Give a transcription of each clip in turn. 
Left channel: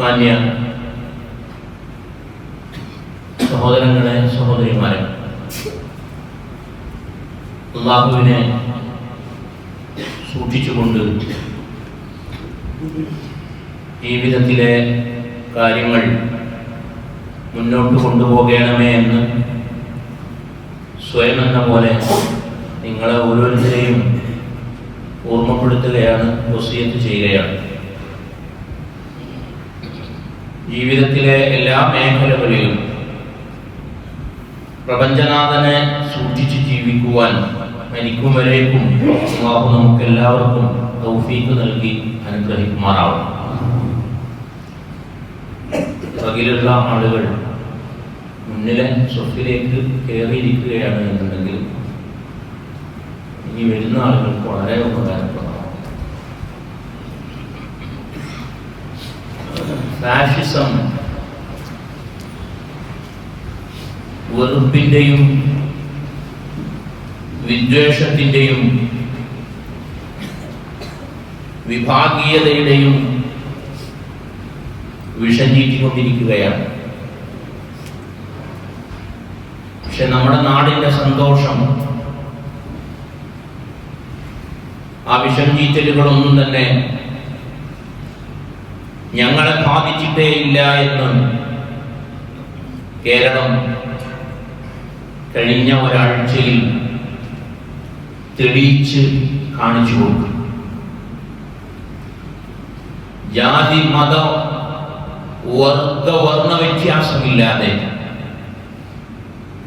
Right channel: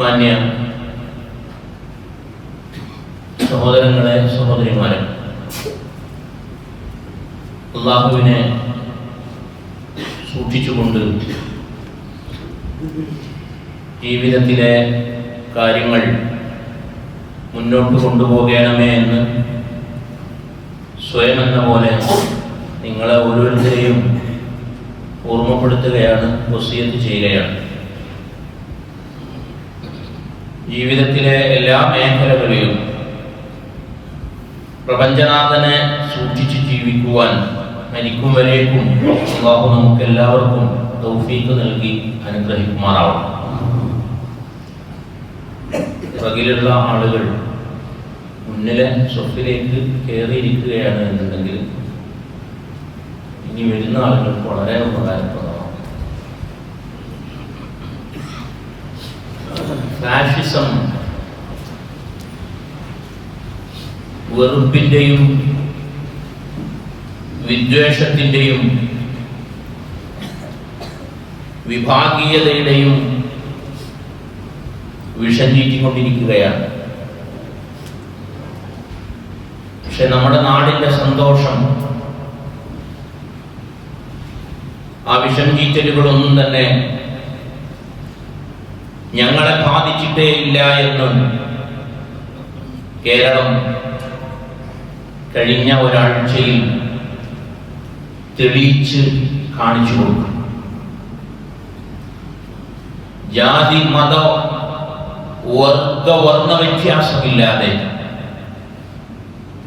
മാന്യ സഹോദരങ്ങളെ, സഹോദരിമാരെ, അല്ലാഹുവിനെ സൂക്ഷിച്ചുകൊണ്ട് ജീവിതത്തിലെ കാര്യങ്ങൾ മുന്നോട്ട് കൊണ്ടുപോകണമേ എന്ന് സ്വയം എന്ന പോലെ നിങ്ങളെ ഓരോരുത്തരെയും ഓർമ്മപ്പെടുത്തുകയാണ്, വസിയത്ത് ചെയ്യുകയാണ്. ജീവിതത്തിലെ എല്ലാ മേഖലകളിലും പ്രപഞ്ചനാഥനെ സൂക്ഷിച്ച് ജീവിക്കുവാൻ മരിക്കും വരേക്കും അല്ലാഹു നമുക്ക് എല്ലാവർക്കും തൗഫീഖ് നൽകി അനുഗ്രഹിക്കുമാറാവും. പുറകിലുള്ള ആളുകൾ മുന്നിലെ സ്വത്തിലേക്ക് കയറിയിരിക്കുകയാണ് എന്നുണ്ടെങ്കിൽ ഇനി വരുന്ന ആളുകൾക്ക് വളരെ ഉപകാരപ്രദമാണ്. ഫാഷിസം വെറുപ്പിന്റെയും വിദ്വേഷത്തിന്റെയും വിഭാഗീയതയുടെയും വിഷം ചീറ്റിക്കൊണ്ടിരിക്കുകയാണ്. പക്ഷെ നമ്മുടെ നാടിന്റെ സന്തോഷം ആ വിഷം ചീറ്റലുകളൊന്നും തന്നെ ഞങ്ങളെ ബാധിച്ചിട്ടേ ഇല്ല എന്നും കേരളം കഴിഞ്ഞ ഒരാഴ്ചയിൽ തെളിയിച്ച് കാണിച്ചു കൊടുക്കും. ജാതി മത വർണ്ണ വ്യത്യാസമില്ലാതെ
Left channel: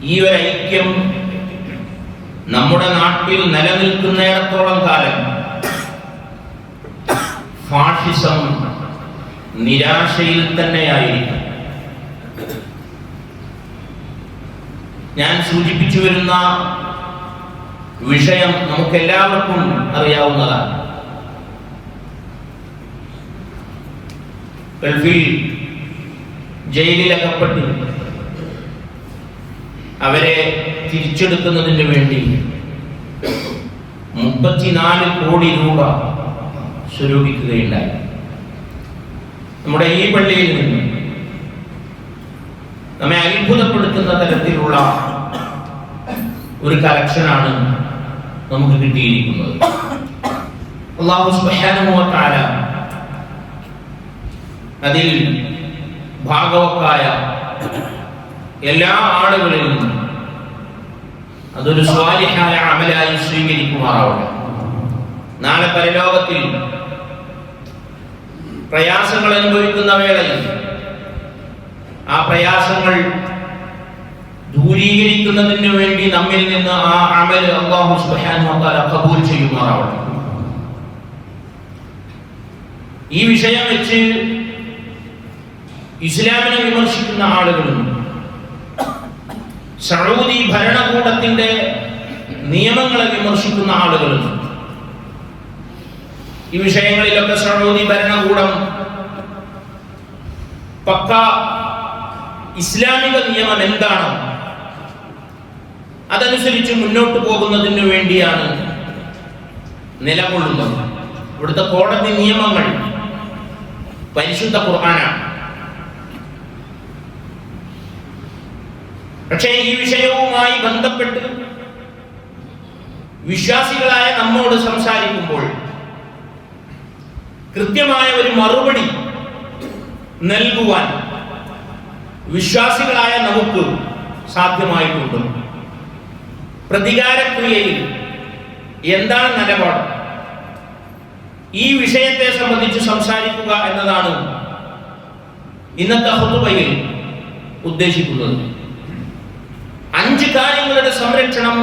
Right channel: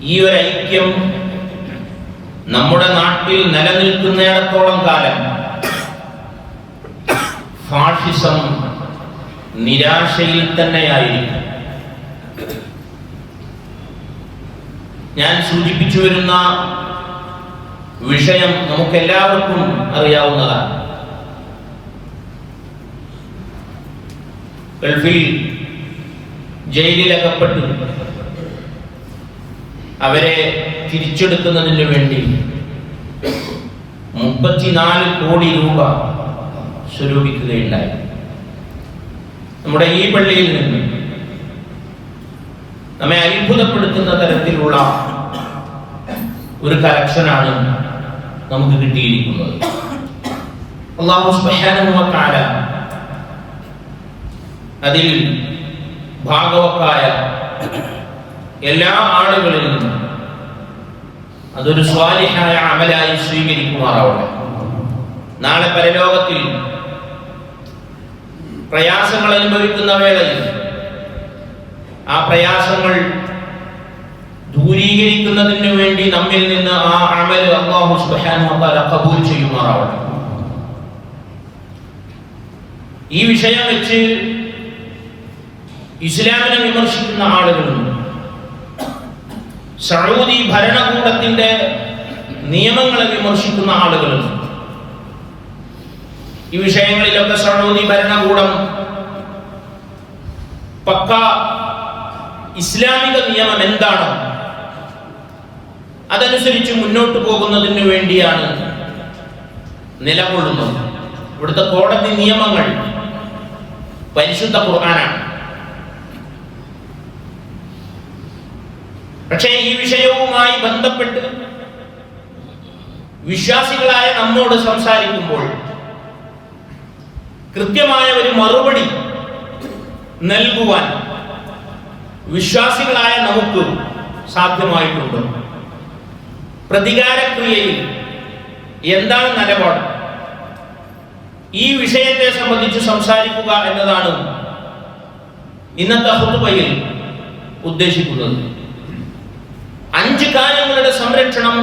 ഈ ഒരു ഐക്യം നമ്മുടെ നാട്ടിൽ നിലനിൽക്കുന്നിടത്തോളം കാലം ഫാഷിസം നിരാശയിൽ തന്നെയായിരിക്കും. ഞാൻ സൂചിപ്പിച്ചു വരുന്ന വിഷയം നമുക്കെല്ലാവർക്കും അറിയാവുന്നതാണ്. ഗൾഫിൽ ജയിലിലകപ്പെട്ട് അവരെ തിരിച്ചെടുക്കുന്നതിന് വേണ്ടി 34 കോടി രൂപ സ്വരൂപിക്കുകയുണ്ടായി. നമ്മുടെ ഈ പള്ളിയിൽ നിന്ന് നമ്മെ അത്ഭുതപ്പെടുത്തുന്ന തരത്തിലുള്ള ഒരു കളക്ഷനാണ് നമുക്ക് കിട്ടിയിരിക്കുന്നത്. അല്ലാഹു സുബ്ഹാനഹു വ തആല അതിൽ ഭാഗവക്കായ എല്ലാ ആളുകളിൽ നിന്നും അതൊരു സ്വാലിഹായ അമലായി സ്വീകരിക്കുമാറാവട്ടെ. നാളെ പരലോകത്തിൽ പ്രയാസങ്ങൾ അനുഭവിക്കുന്ന വേളയിൽ ആ പ്രയാസങ്ങൾ ദൂരീകരിക്കുന്നതിന് വേണ്ടി നമ്മിൽ നിന്ന് ആ അമൽ അല്ലാഹു സുബ്ഹാനഹു വ തആല ഖബൂൽ ചെയ്യുമാറാവട്ടെ. ഈ വിഷയം വെച്ച് ഇസ്ലാമിനെ വിമർശിക്കുന്ന ആളുകളുണ്ട്. സൗദി ഭരണകൂടത്തിന്റെ നിയമങ്ങളെ വിമർശിക്കുന്ന ആളുകളുണ്ട്. ഈ വിഷയങ്ങളിലൊക്കെ സൗദി ഭരണകൂടം പക്ക ഇസ്ലാമിക നിയമം എന്താണ് അതനുസരിച്ച് മുന്നോട്ട് പോകുന്നതിന് വേണ്ടിയാണ് നിലകൊള്ളുന്നത്. ഇവിടുത്തെ കോടതി നിയമങ്ങൾ പരിശുദ്ധ ഖുർആനാണ്. പക്ഷേ ഈ വിഷയവുമായി ബന്ധപ്പെട്ട് വിശ്വാസികളായ നമ്മോട് സംസാരിക്കുമ്പോൾ കൃത്യമായ ഒരു മറുപടി നൽകുവാൻ വിശ്വാസികളായ നമുക്ക് സാധ്യമായിട്ടുണ്ട്. പ്രതികാരക്രിയയിൽ എന്താണ് നിലപാട്? ഈ വിഷയത്തെ സംബന്ധിച്ച് സംസാരിക്കുക എന്നതാണ് ഇന്നത്തെ ഖുതുബയിൽ ഉദ്ദേശിക്കുന്നത്. 5 കാര്യങ്ങളുടെ സംരക്ഷണം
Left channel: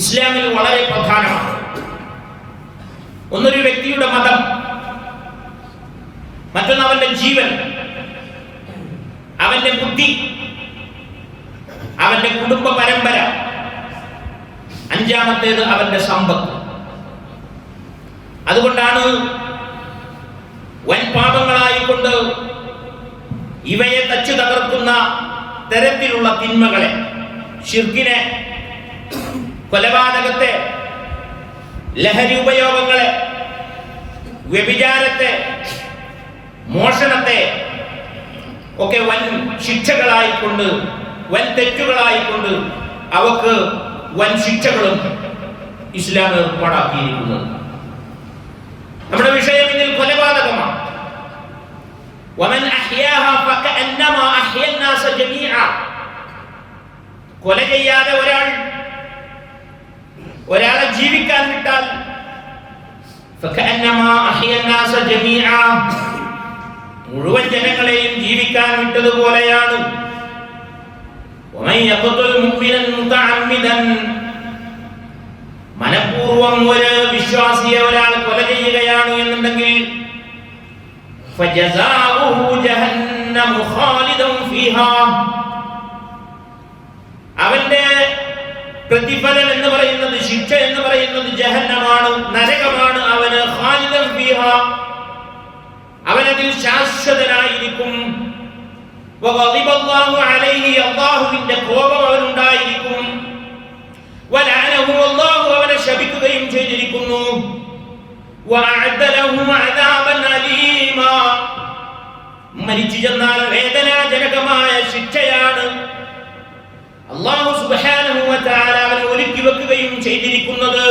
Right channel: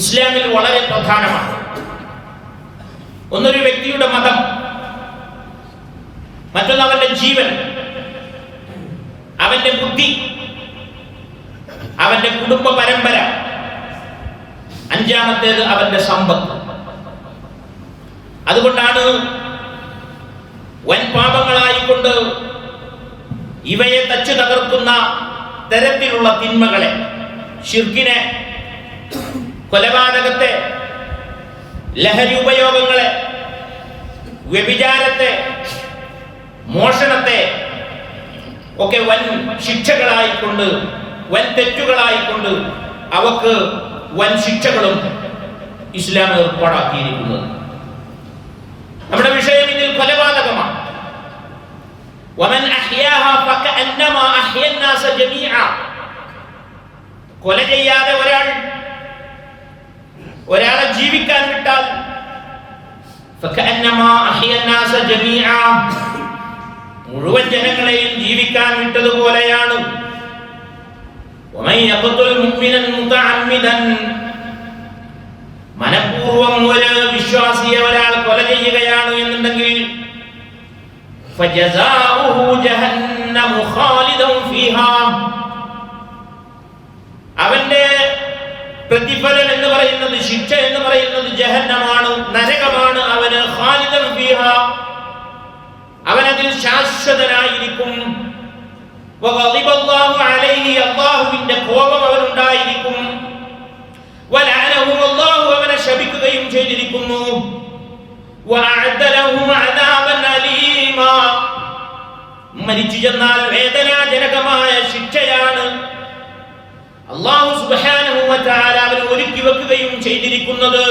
ഇസ്ലാമിൽ വളരെ പ്രധാനമാണ്. ഒന്നൊരു വ്യക്തിയുടെ മതം, മറ്റൊന്ന് അവന്റെ ജീവൻ, അവന്റെ ബുദ്ധി, അവന്റെ കുടുംബ പരമ്പര, 5ാമത്തേത് അവന്റെ സമ്പത്ത്. അതുകൊണ്ടാണ് വൻ പാപങ്ങളായിക്കൊണ്ട് ഇവയെ തച്ചു തകർക്കുന്ന തരത്തിലുള്ള തിന്മകളെ, ശിർക്കിനെ, കൊലപാതകത്തെ, ലഹരി ഉപയോഗങ്ങളെ, വ്യഭിചാരത്തെ, മോഷണത്തെ ഒക്കെ വൻ ശിക്ഷകളായിക്കൊണ്ട്, വൻ തെറ്റുകളായിക്കൊണ്ട് അവക്ക് വൻ ശിക്ഷകളും ഇസ്ലാം ഏർപ്പാടാക്കിയിരിക്കുന്നത്. നമ്മുടെ വിഷയം ഇതിൽ കൊലപാതകമാണ്. വമൻ അഹ്യാഹാ ഫകഅന്നമാ അഹ്യന്നാസ ജമീഅ. കൊല ചെയ്യാതെ ഒരാളെ ജീവിക്കാൻ വിട്ടാൽ ഫകഅന്നമാ അഹ്യന്നാസ ജമീഅ, മുഴുവൻ ജനങ്ങളെയും ജീവിക്കാൻ വിട്ടതുപോലെയാണ്. വമൻ യഖ്തുൽ മുഅ്മിനൻ മുതഅമ്മിദൻ, മനഃപൂർവ്വം ഒരു വിശ്വാസിയെ ഒരാൾ കൊല ചെയ്യുകയാണ് എന്നുണ്ടെങ്കിൽ ഫജസാഉഹു ജഹന്നമു ഖാലിദൻ ഫീഹാ, അവന്റെ പ്രതിഫലം എന്ന് പറയുന്നത്, ശിക്ഷ എന്ന് പറയുന്നത് ജഹന്നമാണ്, നരകമാണ്. അവന് ഖാലിദൻ ഫീഹാ, അവനതിൽ ശാശ്വതനായിരിക്കും. വഗളിബല്ലാഹു അലൈഹി, അല്ലാഹുവിന്റെ കോപം അവനുണ്ടായിരിക്കും. വലഅനഹു, അല്ലാഹു അവനെ ശപിക്കുകയും ചെയ്തിരിക്കുന്നു. വഅഅദ ലഹു അദാബൻ അലീമാ, മരിച്ചു ചെന്നാൽ വേദനാജനകമായ ശിക്ഷയാണ് അല്ലാഹു സുബ്ഹാനഹു വ തആല അവന് ഒരുക്കി വെക്കുകയും ചെയ്തിരിക്കുന്നത്.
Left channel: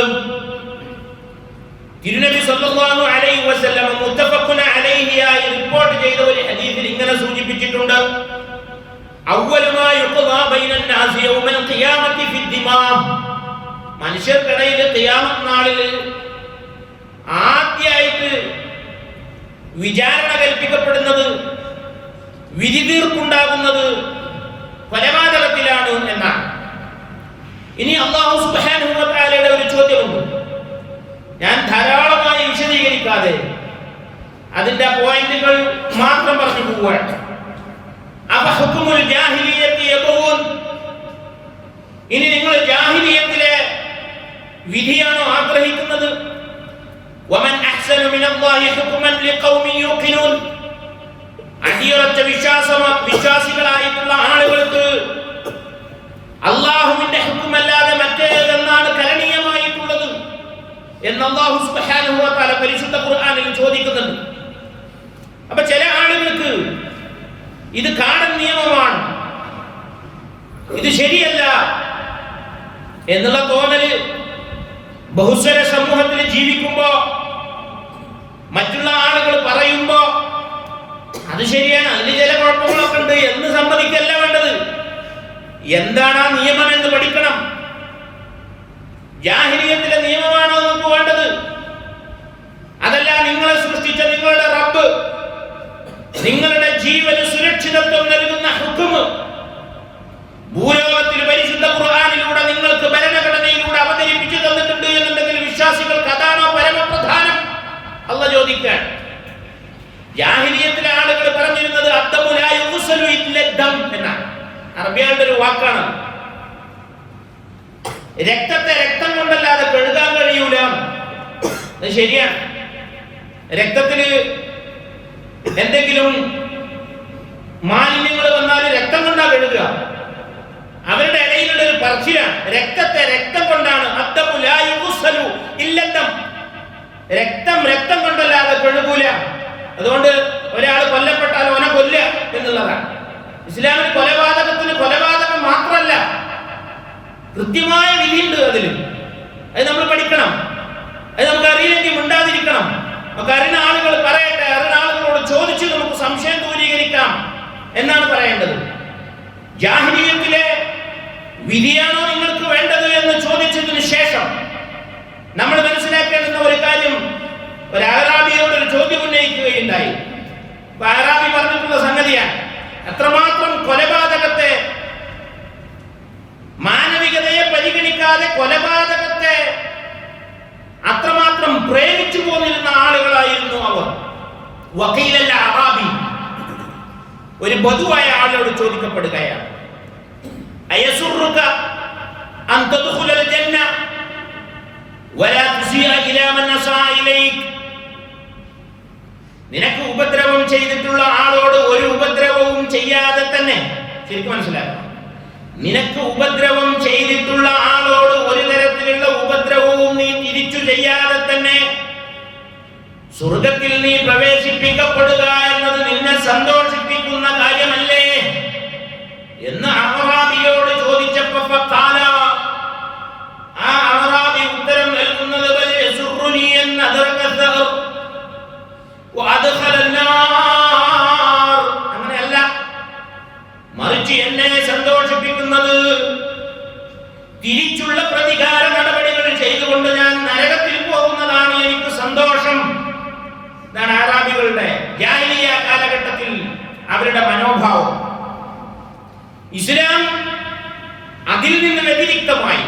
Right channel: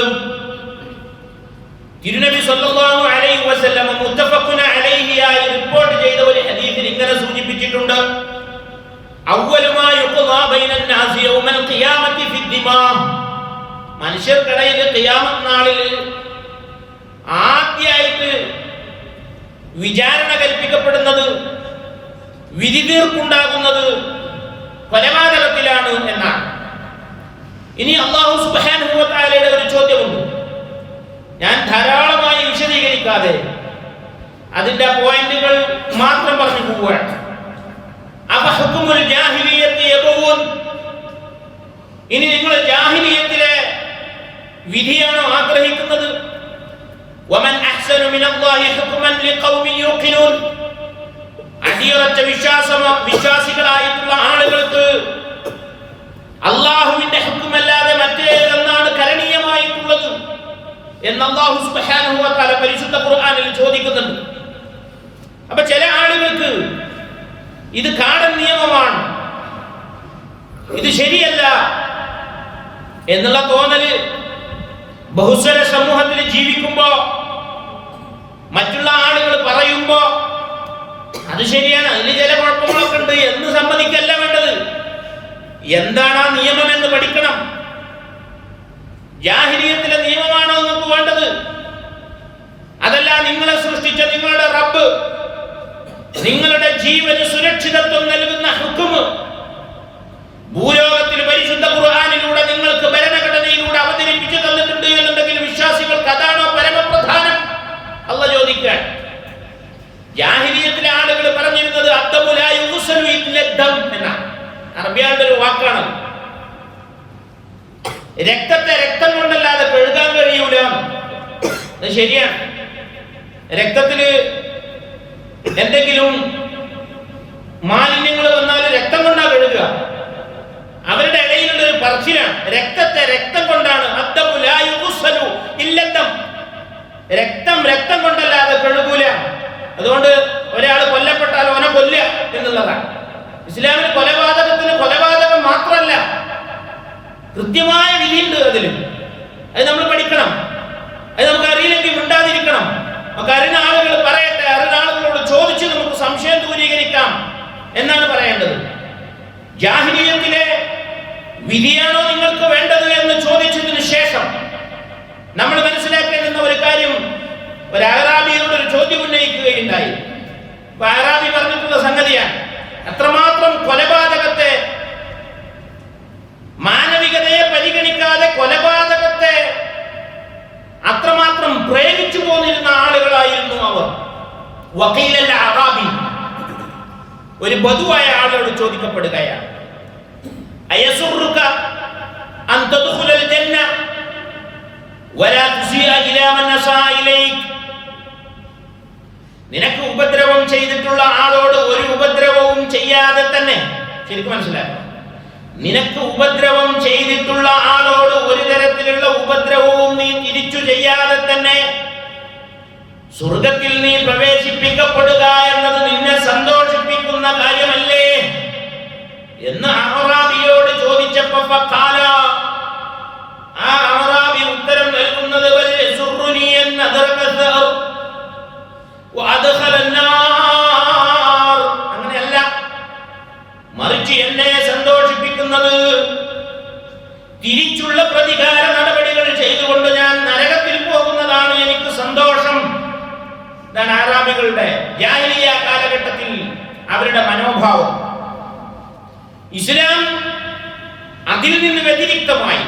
തിരുനബി സല്ലല്ലാഹു അലൈഹി വസല്ലം മുത്തഫഖുന അലൈഹിയായി റിപ്പോർട്ട് ചെയ്ത ഒരു ഹദീസിൽ ഇങ്ങനെ സൂചിപ്പിച്ചിട്ടുണ്ട്: അവ്വലു മാ യുഖ്ദാ ബൈനൻ നാസി യൗമൽ ഖിയാമത്തി ഫിദ്ദിമാ, മനുഷ്യർക്കിടയിൽ ഖിയാമത്ത് നാളിൽ ആദ്യമായിട്ട് വിചാരണ കൽപ്പിക്കപ്പെടുന്നത്, വിധി തീർപ്പുണ്ടാകുന്നത് കൊലപാതകത്തിലാണ് എന്നാണ്. ഇനി അല്ലാഹു സുബ്ഹാനഹു വ തആലയുടെ ഒരു ചോദ്യമുണ്ട്. ഞാൻ ധാരാളമായി വിശദീകരിക്കാതെ അതിന്റെ പോയിന്റുകൾ മാത്രം പറഞ്ഞു പോവുകയാണ്. അഫഹുക്കുമുൽ ജാഹിലിയ്യത്തി യബൂൻ, ഇനി നിങ്ങൾ ജാഹിലിയ്യത്തിലെ വിധിയാണോ ആഗ്രഹിക്കുന്നത്? വമൻ അഹ്സനു മിനല്ലാഹി ഹുക്മൻ ലിഖൗമിൻ യൂഖിനൂൻ, അടിയുറച്ച വിശ്വാസികളായിട്ടുള്ള ആളുകൾക്ക് അല്ലാഹുവിന്റെ ഹുക്മല്ലാതെ മറ്റേതെന്നാണ് കരണീയമായിട്ടുള്ളത് എന്ന് അല്ലാഹു സുബ്ഹാനഹു വ തആല പരിശുദ്ധ ഖുർആനിൽ ചോദിക്കുന്നുണ്ട്. അപ്പൊ ചില ആളുകൾക്ക് ഇത് കാടൻ നിയമമാണ്, ഇത് ശരിയല്ല എന്നുള്ള തോന്നല് ബഹുസ്വര സമൂഹത്തിൽ ജീവിക്കുമ്പോ മറ്റുള്ള ആളുകൾ പറയുമ്പോ അത് ശരിയാണ്, അതിന് ചില കുഴപ്പങ്ങളൊക്കെ ഉണ്ട് എന്ന് സമ്മതിക്കല്ല വേണ്ടത്. എന്താണ് ആ നിയമം എന്ന് പഠിക്കണം. ജാഹിലിയ്യത്തിലെ നിയമമാണോ നമുക്ക് വേണ്ടത്? അതല്ല നിങ്ങളെ സൃഷ്ടിച്ച നിങ്ങളുടെ റബ്ബ് നിങ്ങളുടെ ജീവന് സുരക്ഷിതത്വം നൽകുന്ന ഹുക്മ് ഭൂലോകത്തിൽ പരിശുദ്ധ ഖുർആനിലൂടെ നിങ്ങൾക്ക് ഭരണഘടനയിലൂടെ അവതരിപ്പിച്ചു തന്നിട്ടുണ്ട് എന്നുണ്ടെങ്കിൽ വിശ്വാസികൾക്ക് അതാണോ പരമപ്രധാനം? അല്ലാഹു ചോദിക്കാൻ. ജാഹിലിയ്യത്തിലെ ആളുകൾ പറഞ്ഞിരുന്നത് അദ്ദമു ലാ യുഗ്സലു ഇല്ല ദം എന്നാണ്. അറബികളുടെ ഒരു വാക്കാണ്. രക്തത്തെ രക്തം കൊണ്ടല്ലാതെ കഴുകാൻ കഴിയൂല. അത് ശരിയാണ്. രക്തത്തില് എന്തെങ്കിലും മാലിന്യങ്ങൾ വന്നാൽ രക്തം കൊണ്ടാ കഴുകുക. അവരുടെ ഇടയിലുള്ള ഒരു പറച്ചിലാണ്, രക്തത്തെ രക്തം കൊണ്ടാണ്. അദ്ദമു ലാ യുഗ്സലു ഇല്ല ദം, രക്തം രക്തം കൊണ്ടല്ലാതെ കഴുകൂല. അതുകൊണ്ട് ഒരാൾ കൊല്ലപ്പെട്ടാൽ അവനെ കൊല്ലുക എന്നുള്ളതാണ്. ഇസ്ലാമിൽ കൊലപാതകത്തിന് കൊലപാതകം മാത്രമല്ല, കൃത്യമായ വിധിയുണ്ട് അതിൽ. അത് നമ്മൾ പഠിക്കണം. അത് നമുക്ക് അറിയില്ലെങ്കിൽ മിണ്ടാതിരിക്കണം. നമുക്ക് അറിയുന്ന ആളുകൾ പറയട്ടെ, അറിയുന്ന ആളുകളോട് ചോദിച്ച് നമുക്ക് സംശയം ദൂരീകരിക്കാം എന്നാണ് പറയേണ്ടത്. ജാഹിലിയ്യത്തിലെ വിധിയാണോ നിങ്ങൾക്ക് വേണ്ടത് എന്ന് ചോദിച്ചതിന് ശേഷം നമ്മൾ മനസ്സിലാക്കേണ്ടുന്ന ഒരു കാര്യം, ഒരു അഅറാബിയോട് ഒരു ചോദ്യം ഉന്നയിക്കുകയുണ്ടായി. അഅറാബി പറഞ്ഞിട്ടുള്ള സംഗതിയാണ്, അത്രമാത്രം കൊലപാതകത്തെ, മാനവികതയെ പരിഗണിക്കാതെ കൊലപാതകത്തെ അത്രമാത്രം പ്രേമിച്ചു പോന്നിരുന്ന ആളുകളായിരുന്നു അവർ. വക്കീലല്ല അറാബി, ഒരു ബദുവായ ആളോട് ചോദിക്കപ്പെടുകയാണ്, അയസുറുക അൻ തദ്ഖുലൽ ജന്ന വലാ തുസിഅ ഇലാ മൻ അസാ ഇലൈക്, നിനക്ക് ഉപദ്രവം ചെയ്തിട്ടുള്ള ആളോട് ഒരു ഉപദ്രവവും ചെയ്യാതെ തന്നെ, ശരിക്കും മനസ്സിലാക്കണം, നിനക്ക് ഉപദ്രവം ചെയ്തിട്ടുള്ള ആളോട് ഒരു തരത്തിലുള്ള ഉപദ്രവവും നീ തിരിച്ചു ചെയ്യാതെ തന്നെ സ്വർഗത്തിൽ നീ പ്രവേശിപ്പിക്കപ്പെടുക എന്നത് നിന്നെ സന്തോഷിപ്പിക്കുന്ന കാര്യമല്ല. അവരുടെ മനോഭാവം. ഇസ്ലാം അതിൽ നിന്ന് വ്യതിരിക്തമായി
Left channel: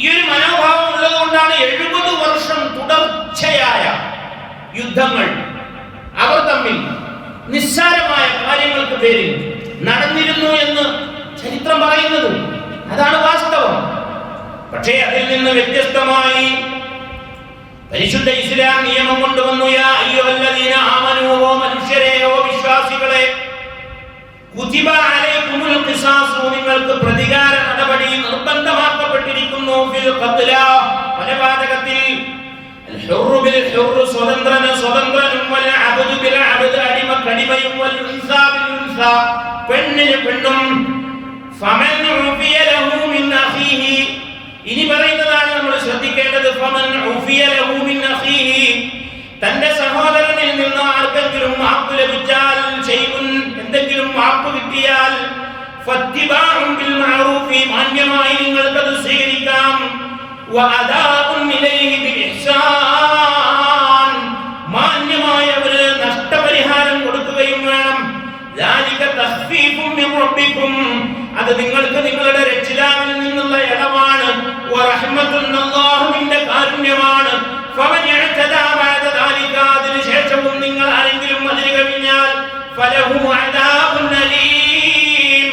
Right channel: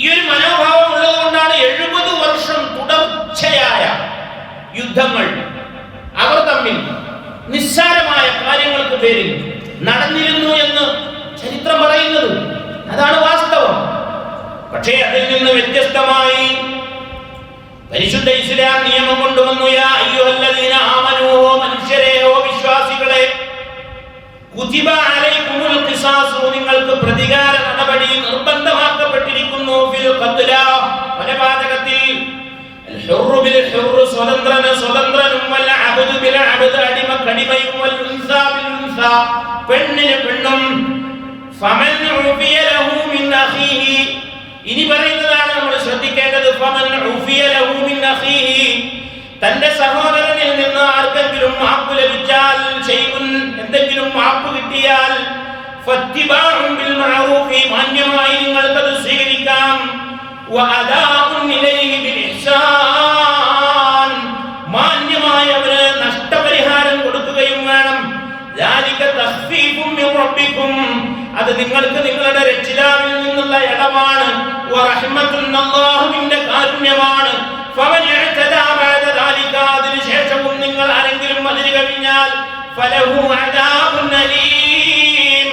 ഈ ഒരു മനോഭാവം ഉള്ളതുകൊണ്ടാണ് 70 വർഷം തുടർച്ചയായ യുദ്ധങ്ങൾ അവർ തമ്മിൽ നിസ്സാരമായ കാര്യങ്ങൾക്ക് പേരിൽ നടന്നിരുന്നു എന്ന് ചരിത്രം പറയുന്നത്. അതാണ് വാസ്തവം. പക്ഷേ അതിൽ നിന്ന് വ്യത്യസ്തമായി പരിശുദ്ധ ഇസ്ലാം നിയമം കൊണ്ടുവന്നു. യാ അയ്യുഹല്ലദീന ആമനൂ, മനുഷ്യരെ, വിശ്വാസികളെ, കുതിബ അലൈക്കുമുൽ ഖിസാസ്, നിങ്ങൾക്ക് പ്രതികാര നടപടി നിർബന്ധമാക്കപ്പെട്ടിരിക്കുന്നു. ഫിൽ ഖത്ല, കൊലപാതകത്തിൽ. അൽ ഹുറു ബിൽ ഹുറു, സ്വതന്ത്രന് സ്വതന്ത്രനും, വൽ അബ്ദു ബിൽ അബ്ദ്, അടിമക്ക് അടിമയും, വൽ ഉൻസാ ബിൽ ഉൻസാ, പെണ്ണിന് പെണ്ണും. ഫമൻ ഉഫിയ ലഹു മിൻ അഖീഹി, ഇനി പറയുന്നതാണ് നമ്മൾ ശ്രദ്ധിക്കേണ്ടത്. ഫമൻ ഉഫിയ ലഹു മിൻ അഖീഹി, തന്റെ സഹോദരനിൽ നിന്ന് ആർക്കെങ്കിലും മാപ്പ് ലഭിച്ചാൽ, എന്തെങ്കിലും മാപ്പ് കിട്ടിയാൽ, ഫത്തിബാഉൻ ബിൽ മഅറൂഫി, മാന്യമായി നിങ്ങൾക്കത് സ്വീകരിക്കാം. വഅദാഉൻ ഇലൈഹി ബിൽ ഇഹ്സാൻ, മാന്യമായി അവന് നഷ്ടപരിഹാരം കൊടുക്കുകയും വേണം. ദാലിക തഖ്ഫീഫുൻ മിൻ റബ്ബിക്കും, അത് നിങ്ങൾക്ക് നിങ്ങളുടെ രക്ഷിതാവിൽ നിന്നുള്ള ഇളവാണ്. വറഹ്മത്തുൻ, അല്ലാഹുവിന്റെ കാരുണ്യമാണ്. ഫമൻ ഇഅ്തദാ ബഅദ ദാലിക, അതിനുശേഷവും നിങ്ങൾ ആരെങ്കിലും അതിര് കവിഞ്ഞാൽ, ഫലഹു അദാബുൻ അലീം,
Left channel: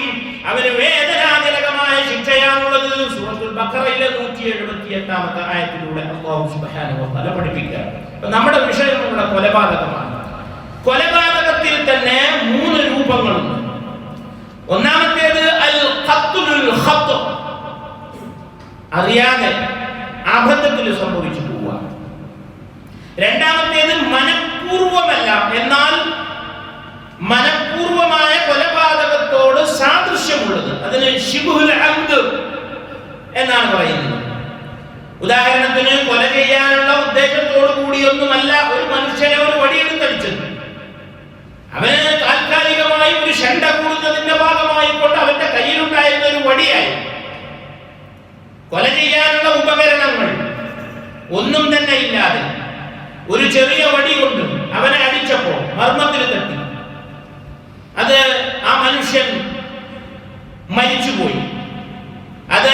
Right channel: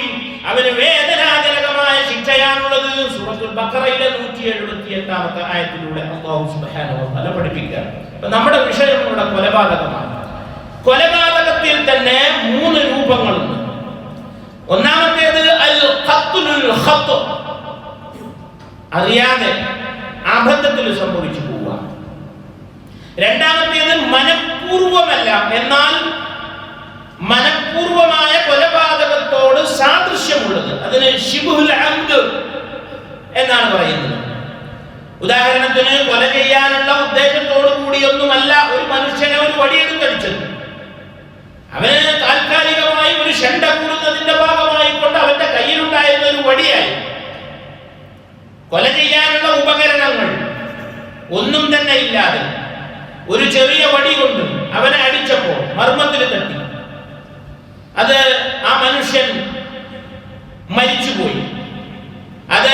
അവന് വേദനാജനകമായ ശിക്ഷയാണുള്ളത്. സൂറത്തുൽ ബഖറയിലെ 178 ആയത്തിലൂടെ അല്ലാഹു സുബ്ഹാനഹു വ തആല പഠിപ്പിക്കുക. നമ്മുടെ വിഷയമുള്ള കൊലപാതകമാണ്. കൊലപാതകത്തിൽ തന്നെ 3 രൂപങ്ങളുണ്ട്. ഒന്നാമത്തേത് അൽ ഖത്ലുൽ ഖത്അ, അറിയാതെ അബദ്ധത്തിൽ സംഭവിച്ചു പോവുക. രണ്ടാമത്തേത് മനഃപൂർവമല്ല, എന്നാൽ മനഃപൂർവമായ കൊലപാതകത്തോട് സാദൃശ്യമുള്ളത്, അതിന് ശിബ്ഹുൽ അംദ് എന്നാണ് പറയുന്നത്. ഉദാഹരണത്തിന്, കൊല ചെയ്യാനുള്ള ഉദ്ദേശത്തോടു കൂടിയൊന്നുമല്ല ഒരു മനുഷ്യനെ ഒരു വടിയെടുത്തടിച്ചത്. അവന് താൽക്കാലികമായി ഒരു ഷണ്ട കൂടുന്നതിന്റെ ഭാഗമായി കൊണ്ട് അവന്റെ കയ്യിലുണ്ടായിരുന്ന ഒരു വടിയായി. കൊല ചെയ്യാനുള്ള ഉപകരണങ്ങൾ ഒന്നും തന്നെ ഇല്ലാതെ ഒരു ചെറിയ വടി കൊണ്ട് അവനെ അടിച്ചപ്പോൾ മർമ്മത്തിൽ തട്ടി, അത് ആ മനുഷ്യൻ മരിച്ചുപോയി. അത്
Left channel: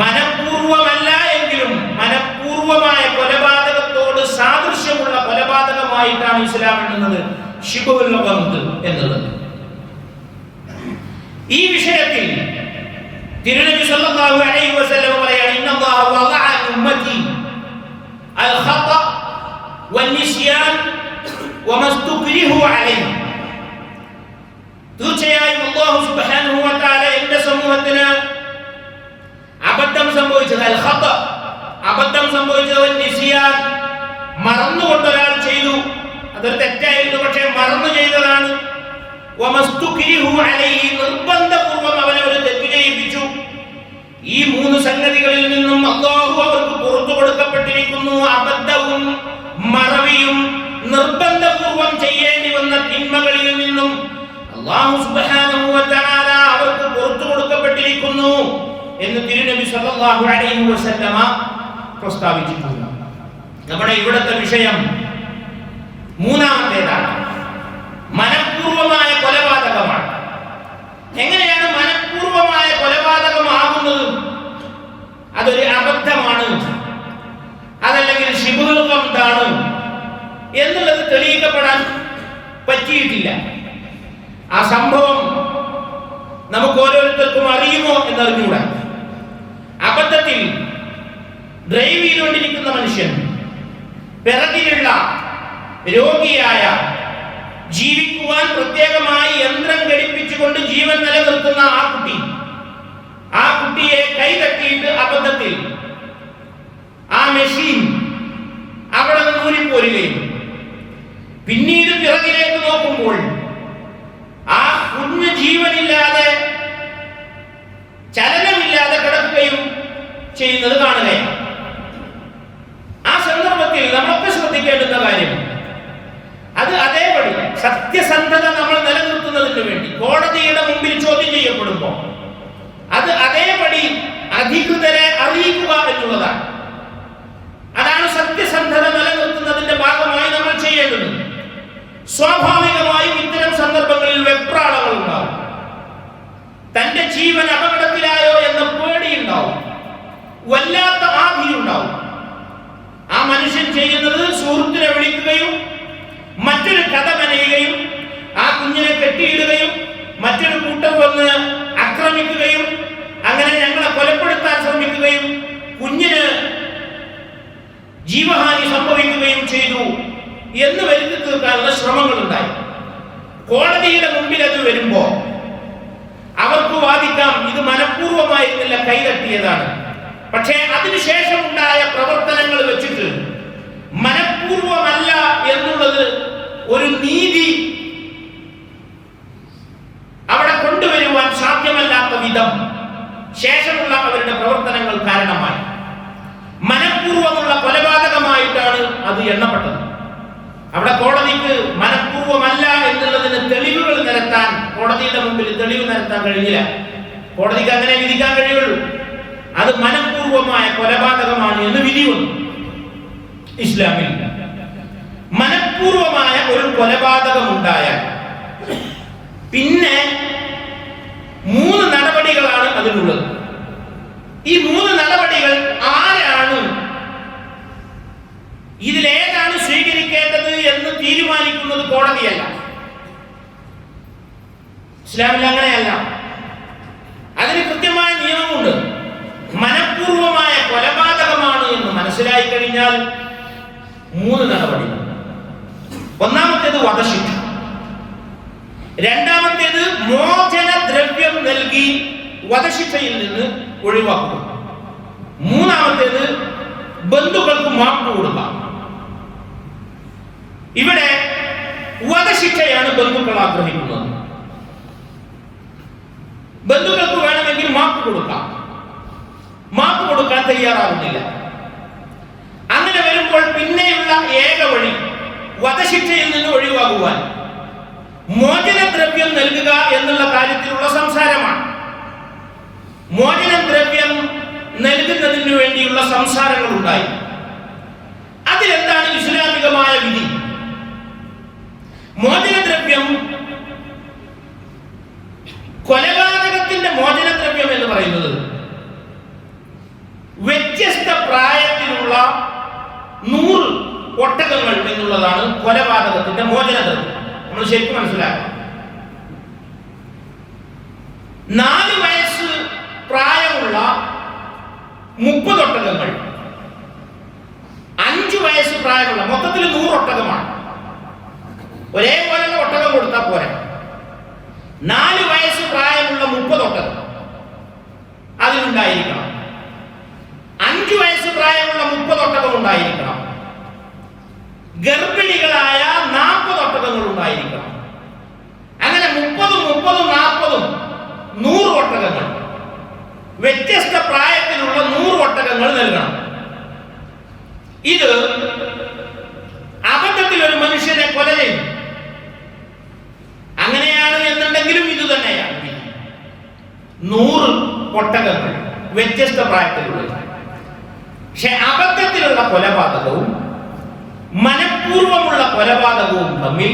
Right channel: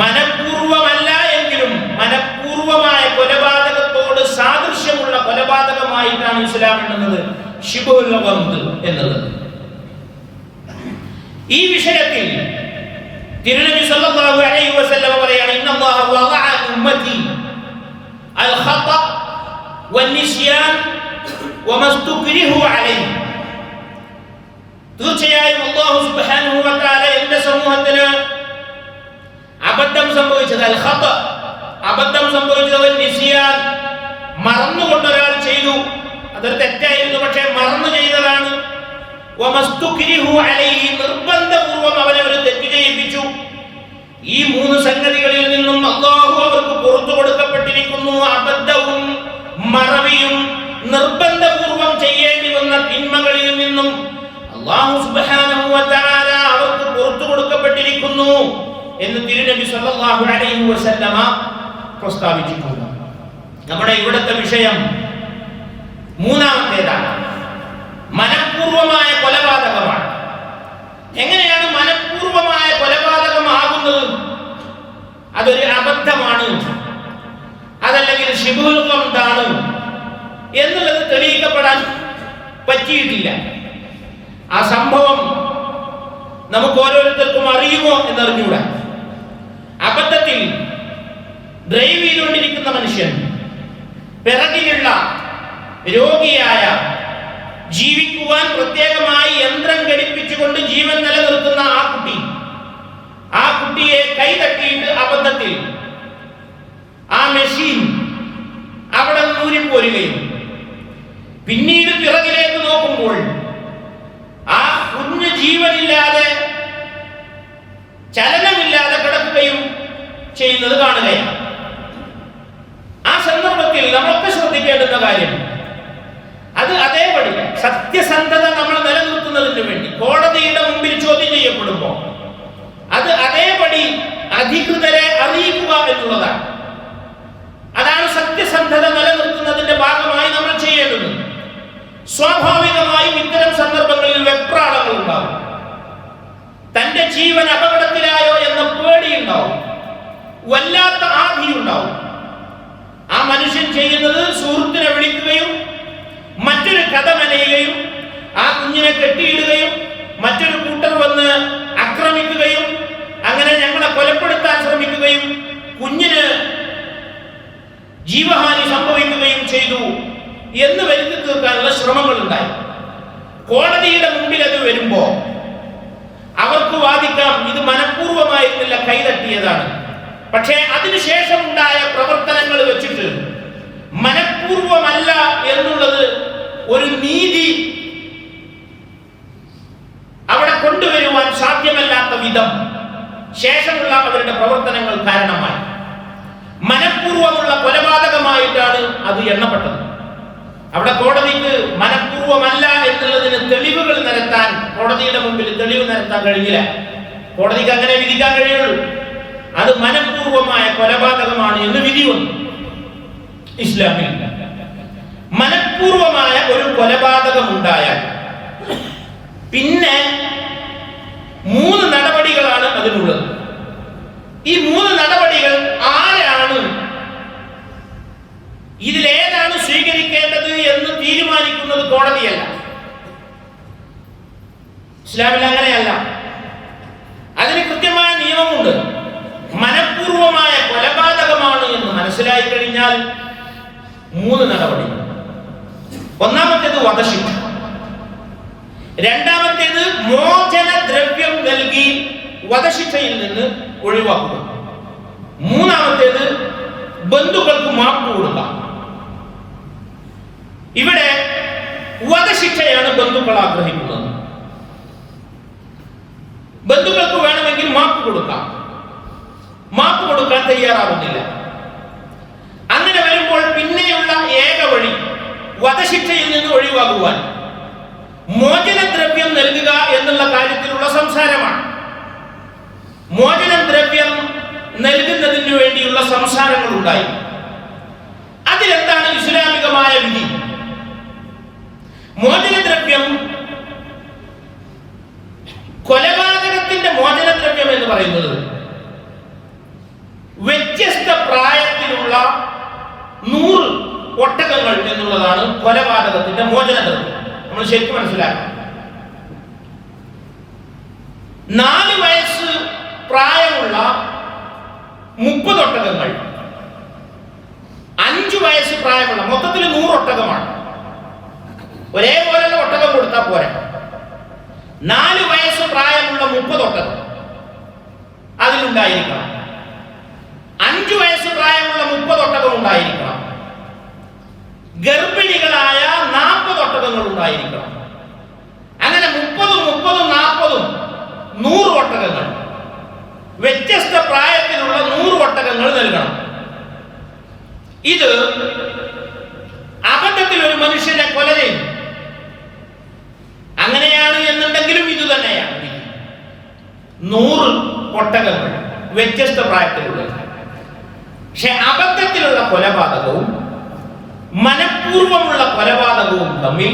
മനഃപൂർവമല്ല എങ്കിലും മനഃപൂർവമായ കൊലപാതകത്തോട് സാദൃശ്യമുള്ള കൊലപാതകമായിട്ടാണ് ഇസ്ലാം എണ്ണുന്നത് ശിബുൽ അംദ് എന്നത്. ഈ വിഷയത്തിൽ തിരുനബി സല്ലല്ലാഹു അലൈഹി വസല്ലം പറയാണ്, ഇന്നല്ലാഹ വദഅ ഉമ്മതി അൽ ഖത വന്നിസ്യാൻ വമസ്തുക്രിഹു അലൈഹി, തീർച്ചയായും അല്ലാഹു സുബ്ഹാനഹു വ തആല എന്റെ സമൂഹത്തിന് അബദ്ധം സംഭവിച്ചത്, അൽ ഖത അബദ്ധം സംഭവിച്ചത്, നിസ്യാൻ മറന്നുകൊണ്ട് ഒരാൾ ചെയ്തു, അതൊരു തെറ്റായിരുന്നു, പക്ഷേ മറന്നു ചെയ്തതാണ്. വമസ്തുക്രിഹു അലൈഹി, നിർബന്ധപൂർവ്വം അവനെ ഒരു തെറ്റ് ചെയ്യിപ്പിച്ചു. ഈ 3 സംഗതികളിൽ നിന്നും അല്ലാഹു അവർക്ക് പുറത്തു കൊടുക്കപ്പെട്ടിരിക്കുന്നു. അബദ്ധവും മറവിയും നിർബന്ധപൂർവ്വം ചെയ്യേണ്ടി വന്ന തിന്മകളിൽ നിന്നും അല്ലാഹു സുബ്ഹാനഹു വ തആല അവർക്ക് പുറത്തു കൊടുക്കപ്പെട്ടിരിക്കുന്നു എന്ന് തിരുനബി സല്ലല്ലാഹു അലൈഹി വസല്ലമ പ്രസ്താവിച്ചിട്ടുണ്ട്. നമ്മുടെ ഇവിടുത്തെ വിഷയം 3ാമത്തേതാണ്, മനഃപൂർവമായ കൊലപാതകമാണ്. എങ്ങനെയാണ് മനഃപൂർവമായ കൊലപാതകമാകുന്നത്? അതൊരു അബദ്ധമാണ്, അതല്ലെങ്കിൽ ശിബുൽ അംദാണ് എന്നുള്ളത് തെളിയിക്കപ്പെടാൻ പറ്റിയിട്ടില്ല. ആ സംഭവം നമുക്ക് ഓരോരുത്തർക്കും അറിയുമോ എന്നറിഞ്ഞൂടാ. അബദ്ധത്തിൽ ഡ്രൈവ് ചെയ്തുകൊണ്ടിരിക്കുന്ന മനുഷ്യൻ, പിറകിലുള്ള രോഗിയായ, ജീവിക്കുവാൻ പ്രത്യേകമായി യന്ത്രം ഘടിപ്പിച്ചുകൊണ്ട് ജീവൻ നിലനിർത്തുന്ന ആ കുട്ടിയെ കൈതട്ടിയിട്ട് അബദ്ധത്തിൽ ആ മെഷീൻ അവിടെ ഊരിപ്പോരുകയും പിന്നീട് പിറകിലേക്ക് നോക്കുമ്പോൾ ആ കുഞ്ഞ് ജീവനില്ലാതെ ചലനമില്ലാതെ കിടക്കുകയും ചെയ്യുന്നത് കാണുകയാണ്. ആ സന്ദർഭത്തിൽ നമ്മളൊക്കെ ശ്രദ്ധിക്കേണ്ടുന്ന കാര്യം, അത് അതേപടി സത്യസന്ധത നമ്മൾ നിലനിർത്തുന്നതിന് വേണ്ടി കോടതിയുടെ മുമ്പിൽ ചോദ്യം ചെയ്യപ്പെടുമ്പോൾ അത് അതേപടി അധികൃതരെ അറിയിക്കുക എന്നുള്ളതാണ്. അതാണ് സത്യസന്ധത നിലനിർത്തുന്നതിന്റെ ഭാഗമായി നമ്മൾ ചെയ്യേണ്ടത്. സ്വാഭാവികമായും ഇത്തരം സന്ദർഭങ്ങളിൽ വെപ്രാളങ്ങൾ ഉണ്ടാവും. തന്റെ ജീവൻ അപകടത്തിലായോ എന്ന പേടിയുണ്ടാവും, വല്ലാത്ത ആധിയുണ്ടാവും. ആ മനുഷ്യൻ ചെയ്യുന്നത് സുഹൃത്തിനെ വിളിക്കുകയും മറ്റൊരു കഥ മെനയുകയും ആ കുഞ്ഞിനെ കെട്ടിയിടുകയും മറ്റൊരു കൂട്ടർ വന്ന് ആക്രമിക്കുകയും അങ്ങനെ ഞങ്ങളെ കൊലപ്പെടുത്താൻ ശ്രമിക്കുകയും കുഞ്ഞിന് ജീവഹാനി സംഭവിക്കുകയും ചെയ്തു എന്ന് വരുത്തി തീർക്കാനുള്ള ശ്രമങ്ങൾ ഉണ്ടായി. കോടതിയുടെ മുമ്പിൽ അത് വരുമ്പോ അവർക്ക് വാദിക്കാം ഇത് മനഃപൂർവ്വമായിരുന്നില്ല, കൈതട്ടിയതാണ്. പക്ഷേ അതിനുശേഷം ഉണ്ടായ പ്രവർത്തനങ്ങൾ വെച്ചിട്ട് മനഃപൂർവ്വമല്ല എന്നുള്ളത് ഒരു നീതി അവിടെ കൊണ്ടുവരുവാൻ സാധ്യമല്ലാത്ത വിധം ശേഷമുള്ള അവരുടെ പ്രവർത്തനങ്ങൾ കാരണമായി മനഃപൂർവ്വമുള്ള കൊലപാതകമായിട്ടാണ് അത് എണ്ണപ്പെട്ടത്. അവിടെ കോടതിക്ക് മനഃപൂർവ്വമല്ല എന്നുള്ളതിന് തെളിവുകൾ നിരത്താൻ, കോടതിയുടെ മുമ്പിൽ തെളിവ് നിരത്താൻ കഴിഞ്ഞില്ല. കോടതിക്ക് അങ്ങനെ വിധിക്കാൻ കഴിയുള്ളൂ. അത് മനഃപൂർവ്വമായ കൊലപാതകമാണ് എന്ന് വിധി വന്നു. ഇസ്ലാമിൽ മനഃപൂർവ്വമായ ഒരു കൊലപാതകം ഉണ്ടായാൽ പിന്നെ 3 നടപടികളാണ് അതിനുള്ളത്. ഈ 3 നടപടികൾ ആരാണ്, ഇതിലേതാണ് സ്വീകരിക്കേണ്ടത് എന്ന് തീരുമാനിക്കുന്നത് കോടതിയല്ല. ഇസ്ലാമിൽ അങ്ങനെയല്ല. അതിന് കൃത്യമായ നിയമമുണ്ട്. മനഃപൂർവമായ കൊലപാതകമാണ് എന്ന് മനസ്സിലായി കഴിഞ്ഞാൽ 3 നടപടികൾ. ഒന്നാമത്തേത് വധശിക്ഷ, രണ്ടാമത്തേത് മോചനദ്രവ്യം നൽകി വധശിക്ഷയിൽ നിന്ന് ഒഴിവാക്കുക, മൂന്നാമത്തേത് ബന്ധുക്കൾക്ക് മാപ്പ് കൊടുക്കാം. ഇവിടെ വധശിക്ഷയാണ് ബന്ധുക്കൾ ആഗ്രഹിക്കുന്നത്. ബന്ധുക്കൾക്ക് വേണമെങ്കിൽ മാപ്പ് കൊടുക്കാം, മാപ്പ് കൊടുക്കാൻ തയ്യാറാവുന്നില്ല. അങ്ങനെ വരുമ്പോൾ പിന്നെയുള്ള ഏക വഴി വധശിക്ഷയിൽ നിന്ന് ഒഴിവാകുവാൻ മോചനദ്രവ്യം നൽകുക എന്നുള്ള കാര്യത്തിലുള്ള സംസാരമാണ്. മോചനദ്രവ്യം നൽകുന്നതിന് വേണ്ടിയുള്ള സംസാരങ്ങൾ ഉണ്ടായി. അതിലെന്താണ് ഇസ്ലാമികമായ വിധി? മോചനദ്രവ്യം, കൊലപാതകത്തിന്റെ മോചനദ്രവ്യം എന്ന് പറയുന്നത് വ്യത്യസ്ത പ്രായത്തിലുള്ള 100 ഒട്ടകങ്ങൾ എന്നുള്ളതാണ് കൊലപാതകത്തിന്റെ മോചനദ്രവ്യം. നമ്മൾ ശരിക്കും മനസ്സിലാക്കണം. 4 വയസ്സ് പ്രായമുള്ള 30 ഒട്ടകങ്ങൾ, 5 വയസ്സ് പ്രായമുള്ള, മൊത്തത്തിൽ 100 ഒട്ടകമാണ്. ഒരേപോലെയുള്ള ഒട്ടകം കൊടുത്താൽ പോരാ. 4 വയസ്സ് പ്രായമുള്ള 30 ഒട്ടകം അതിലുണ്ടായിരിക്കണം. 5 വയസ്സ് പ്രായമുള്ള 30 ഒട്ടകം ഉണ്ടായിരിക്കണം. ഗർഭിണികളായ 40 ഒട്ടകങ്ങൾ ഉണ്ടായിരിക്കണം. അങ്ങനെ 30, 40, 100 ഒട്ടകങ്ങൾ, വ്യത്യസ്ത പ്രായത്തിലുള്ള 100 ഒട്ടകങ്ങൾ നൽകണം. ഇത് അബദ്ധത്തിൽ ഒരു മനുഷ്യനെ കൊല ചെയ്യും, അങ്ങനെയാണ് എന്നുണ്ടെങ്കിലും ഇത് തന്നെയാണ്. 100 ഒട്ടകങ്ങൾ വ്യത്യസ്ത പ്രായത്തിലുള്ള. പക്ഷെ അബദ്ധത്തിലുള്ള കൊലപാതകവും മനഃപൂർവ്വമുള്ള കൊലപാതകവും തമ്മിൽ,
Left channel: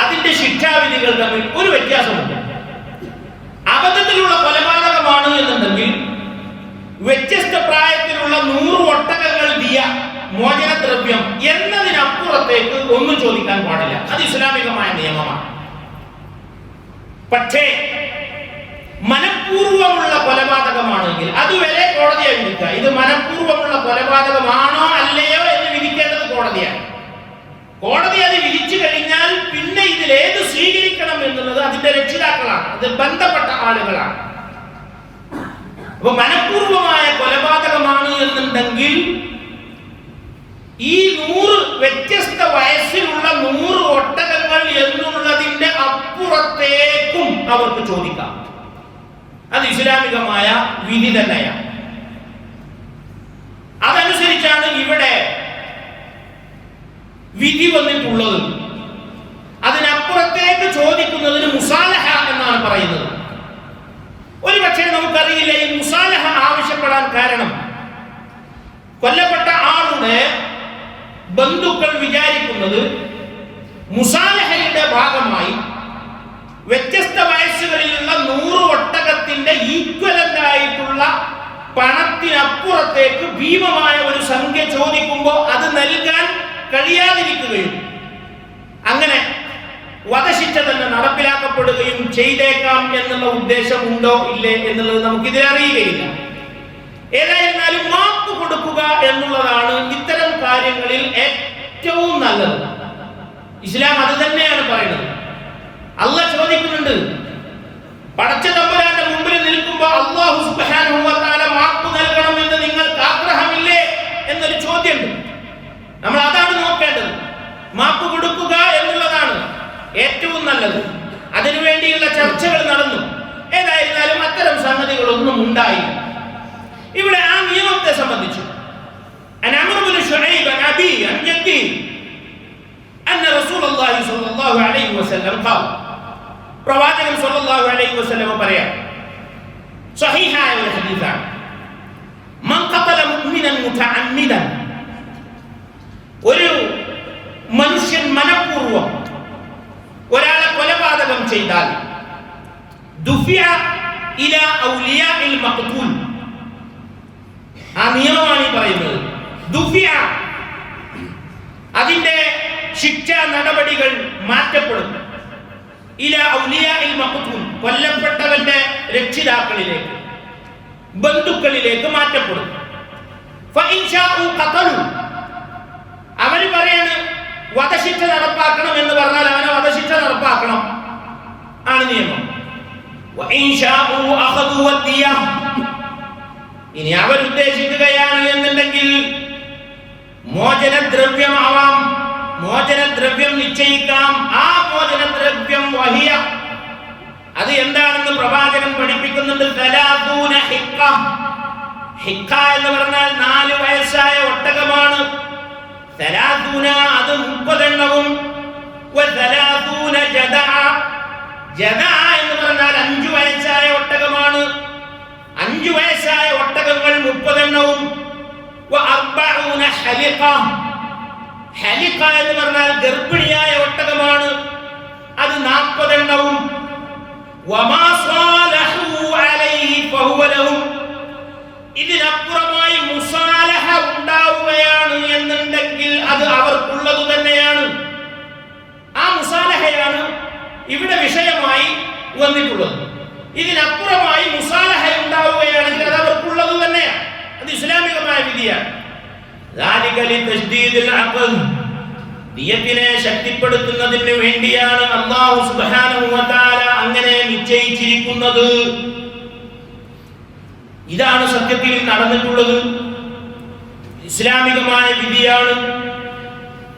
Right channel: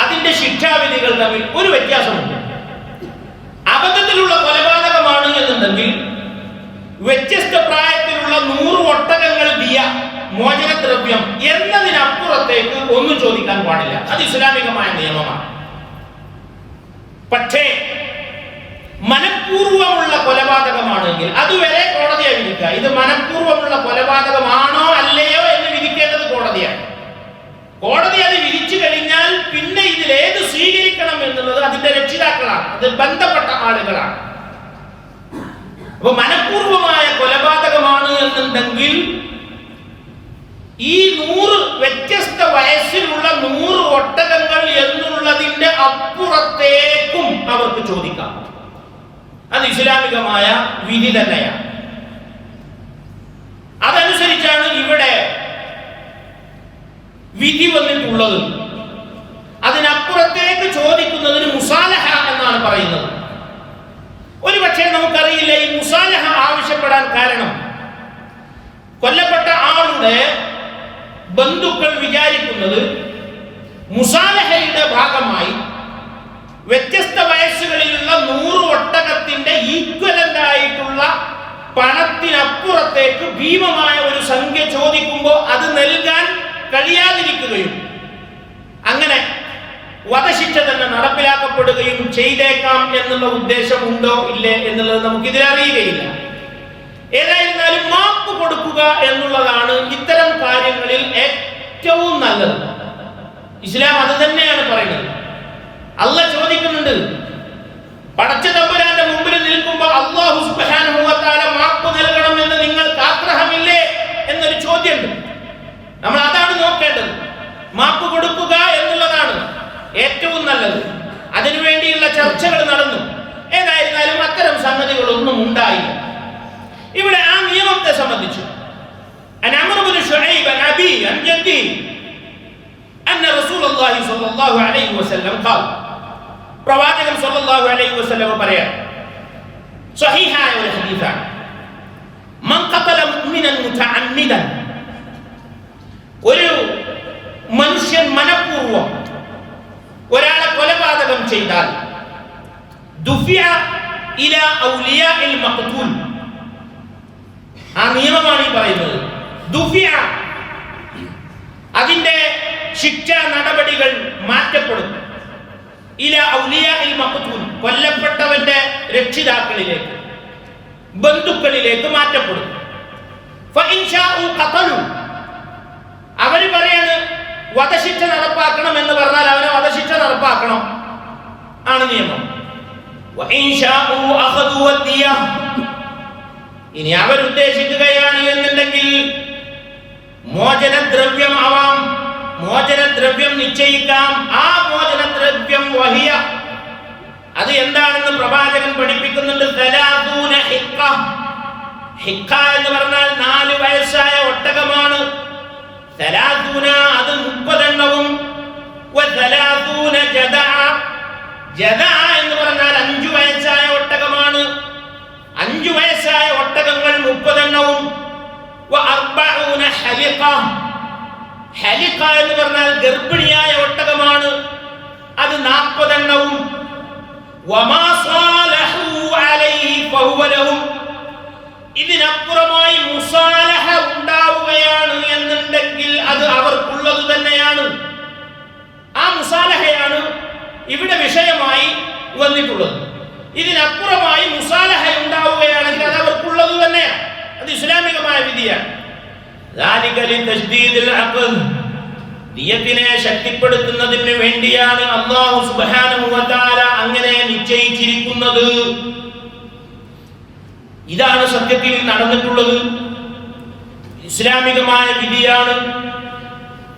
അതിന്റെ ശിക്ഷാവിധികൾ തമ്മിൽ ഒരു വ്യത്യാസമുണ്ട്. അബദ്ധത്തിലുള്ള കൊലപാതകമാണ് എന്നുണ്ടെങ്കിൽ വ്യത്യസ്ത പ്രായത്തിലുള്ള 100 ഒട്ടകങ്ങൾ ദിയ, മോചനദ്രവ്യം എന്നതിനപ്പുറത്തേക്ക് ഒന്നും ചോദിക്കാൻ പാടില്ല. അത് ഇസ്ലാമികമായ നിയമമാണ്. പക്ഷേ മനഃപൂർവ്വമുള്ള കൊലപാതകമാണെങ്കിൽ അതുവരെ കോടതിയെ വിധിക്കുക. ഇത് മനഃപൂർവ്വമുള്ള കൊലപാതകമാണോ അല്ലയോ എന്ന് വിധിക്കേണ്ടത് കോടതിയാണ്. കോടതി അത് വിധിച്ചു കഴിഞ്ഞാൽ പിന്നെ ഇതിലേത് സ്വീകരിക്കണം എന്നുള്ളത് അതിന്റെ രക്ഷിതാക്കളാണ്, അത് ബന്ധപ്പെട്ട ആളുകളാണ്. അപ്പൊ മനഃപൂർവമായ കൊലപാതകമാണ് എന്നുണ്ടെങ്കിൽ ഈ 100 വ്യത്യസ്ത വയസ്സിലുള്ള 100 ഒട്ടകങ്ങൾ എന്നുള്ളതിന്റെ അപ്പുറത്തേക്കും അവർക്ക് ചോദിക്കാം. അത് ഇസ്ലാമികമായ വിധി തന്നെയാണ്. അതനുസരിച്ചാണ് ഇവിടെ വിധി വന്നിട്ടുള്ളത്. അതിനപ്പുറത്തേക്ക് ചോദിക്കുന്നതിന് മുസാലഹ എന്നാണ് പറയുന്നത്. ഒരു പക്ഷേ നമുക്കറിയില്ല ഈ മുസാലഹ ആവശ്യപ്പെടാൻ കാരണം കൊല്ലപ്പെട്ട ആളുടെ ബന്ധുക്കൾ വിചാരിക്കുന്നത് മുസാലഹയുടെ ഭാഗമായി വ്യത്യസ്ത വയസ്സുകളിലുള്ള 100 ഒട്ടകത്തിന്റെ ഈക്വലന്റ് ആയിട്ടുള്ള പണത്തിനപ്പുറത്തേക്ക് ഭീമമായ ഒരു സംഖ്യ ചോദിക്കുമ്പോൾ അത് നൽകാൻ കഴിയാതിരിക്കുകയും അങ്ങനെ വധശിക്ഷ തന്നെ നടപ്പിലാക്കപ്പെടുകയും ചെയ്തേക്കാം എന്നുള്ള ഉദ്ദേശം ഉണ്ടോ ഇല്ലേ എന്നുള്ളത് നമുക്കിതിലറിയുകയില്ല. ഏതായിരുന്നാലും മാപ്പ് കൊടുക്കുക എന്നുള്ളതാണ് ഇത്തരം കാര്യങ്ങളിൽ ഏറ്റവും നല്ലത്. ഇസ്ലാം അത് തന്നെയാണ് പറയുന്നത്. അല്ലാഹ് ചോദിക്കുന്നുണ്ട്, പടച്ച തമ്പുരാന്റെ മുമ്പിൽ നിൽക്കുമ്പോൾ അല്ലാഹു സുബ്ഹാനഹു വ തആല മാപ്പ് നൽകണമെന്ന് നിങ്ങൾക്ക് ആഗ്രഹമില്ലേ എന്നൊരു ചോദ്യമുണ്ട്. നമ്മൾ അതാണ് നോക്കേണ്ടത്. മാപ്പ് കൊടുക്കുക എന്നുള്ളതാണ് ഏറ്റവും നല്ലത്. അതിനുവേണ്ടിയുള്ള ചർച്ചകൾ നടന്നു. ഏതായിരുന്നാലും അത്തരം സംഗതികളൊന്നും ഉണ്ടായില്ല. ഇവിടെ ആ നിയമത്തെ സംബന്ധിച്ചു പ്രവാചകൻ സ്വല്ലല്ലാഹു അലൈഹി വസല്ലം പറയാം, സ്വഹീഹായ ഒരു ഹദീസാണ്, മൻ ഖതല മുഅ്മിനൻ മുതഅമ്മിദൻ, ഒരു മനുഷ്യൻ മനഃപൂർവ്വം ഒരാളെ കൊലപാതകം ചെയ്താൽ ദുഫിയ ഇലാ ഔലിയാഇൽ മഖ്തൂൽ, ആ നിയമമാണ് ഈ പറയുന്നത്. ദുഫിയ, അതിന്റെ ശിക്ഷാ നടപടികൾ മാറ്റപ്പെടും. ഇലാ ഔലിയാഇൽ മഖ്തൂൽ, കൊല്ലപ്പെട്ടവന്റെ രക്ഷിതാക്കളിലേക്ക്, ബന്ധുക്കളിലേക്ക് മാറ്റപ്പെടും. ഫഇൻ ശാഉ ഖതലു, അവര് പറയാണ് വധശിക്ഷ നടപ്പാക്കണം എന്ന് പറഞ്ഞാൽ അവന് വധശിക്ഷ നടപ്പാക്കണം ആണ് നിയമം. വഇൻ ശാഉ അഖദു വദിയ, ഇനി അവർ ഉദ്ദേശിക്കുകയാണ് എന്നുണ്ടെങ്കിൽ മോചനദ്രവ്യമാവാം, മോചനദ്രവ്യം നിശ്ചയിക്കാം. ആ മോചനദ്രവ്യം വഹിയ, അത് എന്താണെന്ന് പ്രവാചകൻ പഠിപ്പിക്കുന്നുണ്ട്. സലാസൂന ഹിഖ, ഹിഖ എന്ന് പറഞ്ഞാൽ 4 വയസ്സായ ഒട്ടകമാണ്. സലാസൂന, അത് 30 എണ്ണവും. വസലാസൂന ജദഅ, ജദഅ എന്ന് പറഞ്ഞാൽ 5 വയസ്സായ ഒട്ടകമാണ്. 5 വയസ്സായ ഒട്ടകങ്ങൾ 30 എണ്ണവും. വഅർബഊന ഹലിഖ, ഹലിഖ എന്ന് പറഞ്ഞാൽ ഗർഭിണിയായ ഒട്ടകമാണ്. അത് 40 എണ്ണവും. വമാ സാലഹു അലൈഹി ഫഹുവ ലഹും, ഇതിനപ്പുറമായി മുസാലഹ ഉണ്ടാവുകയാണ് എന്നുണ്ടെങ്കിൽ അത് അവർക്കുള്ളത് തന്നെയാണ്. ആ മുസാലഹയാണ് ഇവിടെ വിഷയമായി വന്നിട്ടുള്ളത്. ഇതിനപ്പുറമായി മുസാലഹ ഉണ്ടാവുകയാണെങ്കിൽ അത് അവർക്കുള്ളത് തന്നെയാണ്. അത് ഇസ്ലാമികമായ വിധിയാണ്. ദിയത്തിനെ ശക്തിപ്പെടുത്തുന്നതിന് വേണ്ടിയാണ് അല്ലാഹു സുബ്ഹാനഹു വ തആല അങ്ങനെ നിശ്ചയിച്ചിരിക്കുന്നത്. ഇതാണ് സത്യത്തിൽ നടന്നിട്ടുള്ളത്. ഇസ്ലാമികമായ വിധിയാണ്.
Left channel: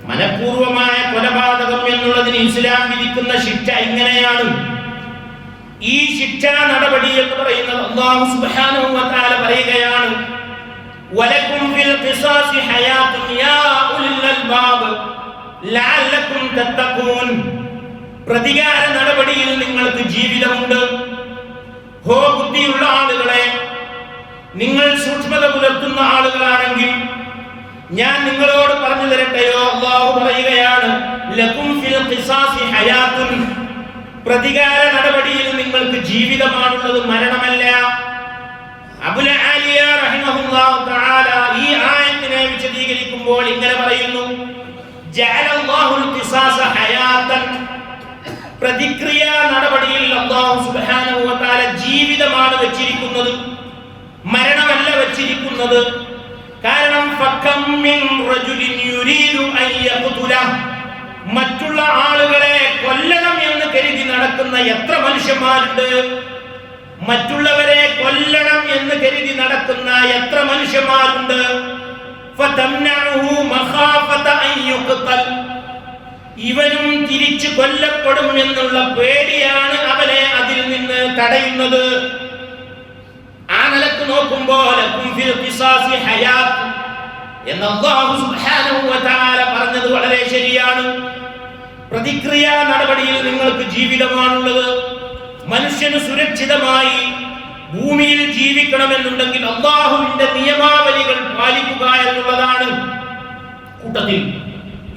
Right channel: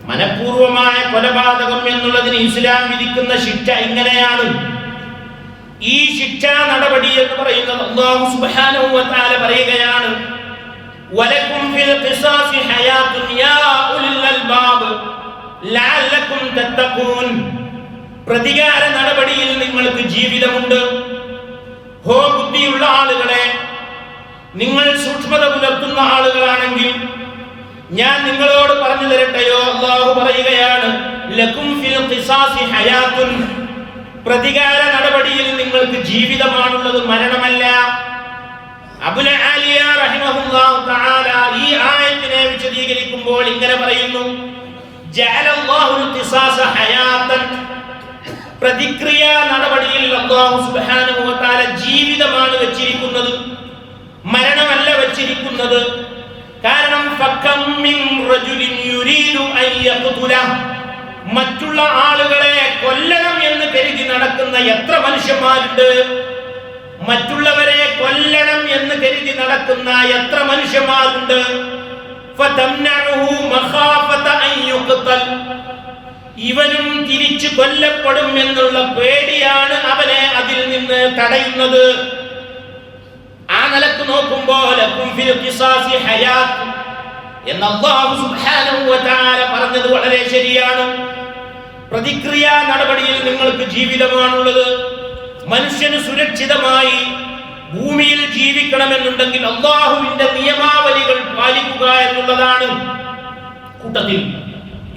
മനഃപൂർവമായ കൊലപാതകം എന്നുള്ളതിന് ഇസ്ലാം വിധിക്കുന്ന ശിക്ഷ ഇങ്ങനെയാണ്. ഈ ശിക്ഷാ നടപടി എന്ന് പറയുന്നത് അല്ലാഹു സുബ്ഹാനഹു വ തആല പറയുകയാണ്, വലക്കും ഫിൽ ഖിസാസി ഹയാത്തുൻ യാ ഉലിൽ അൽബാബ് ലഅല്ലക്കും തത്തഖൂൻ, പ്രതികാര നടപടിയിൽ നിങ്ങൾക്ക് ജീവിതമുണ്ട്. ഹോ ബുദ്ധിയുള്ള ആളുകളെ, നിങ്ങൾ സൂക്ഷ്മത പുലർത്തുന്ന ആളുകളാണെങ്കിൽ ഞാൻ നിങ്ങളോട് പറഞ്ഞു തരട്ടെയോ? അല്ലാഹു പറയുകയാണ്, ലക്കും ഫിൽ ഖിസാസി ഹയാത്തുൻ, പ്രതികാര നടപടിയിൽ നിങ്ങൾക്ക് ജീവിതമാണുള്ളത്, മരണമല്ല. അബുൽ ആലിയ റഹിമഹുല്ലാഹു തആല ഈ ആയത്തിനെ വിശദീകരിക്കുമ്പോൾ ഇങ്ങനെ പറയുന്നു, ജഅലല്ലാഹുൽ ഖിസാസ ഹയാതൻ, പ്രതിക്രിയ നടപടിയിൽ അല്ലാഹു സുബ്ഹാനഹു വ തആല ജീവിതമാണ് വെച്ചിരിക്കുന്നത്, മരണമല്ല വെച്ചിരിക്കുന്നത്. കാരണം ഫകം മിൻ റജുലിൻ യുരീദു അൻ യഖ്തുല, മറ്റുള്ള ആളുകളെ കൊല്ലണം എന്ന് കരുതി നടക്കുന്ന എത്ര മനുഷ്യന്മാരുണ്ട്, മറ്റുള്ളവരെ കൊല്ലണം എന്ന് കരുതി നടക്കുന്ന എത്ര മനുഷ്യന്മാരുണ്ട്. ഫതംനഉഹു മഖാഫത അൻ യുഖ്തൽ, ഇവനും തിരിച്ചു കൊല്ലപ്പെടും എന്നുള്ള പേടിയാണ് അവനെ അതിൽ നിന്ന് തടയുന്നത്. ആ നിലക്ക് നോക്കുമ്പോൾ ലക്കും ഫിൽ ഖിസാസി ഹയാത്ത് എന്ന് അല്ലാഹു സുബ്ഹാനഹു വ തആല പറഞ്ഞത് വളരെ ശരിയാണ്. പ്രതിക്രിയാ നടപടിയിൽ നിങ്ങൾക്ക് ജീവിതമാണുള്ളത്. മനുഷ്യന് സുരക്ഷിതമായി ഭൂമിയിൽ ജീവിക്കണമെന്നുണ്ടെങ്കിൽ അല്ലാഹുവിന്റെ നിയമാവലികൾ പാലിക്കുക എന്നുള്ളതാണ്. കൂട്ടത്തിൽ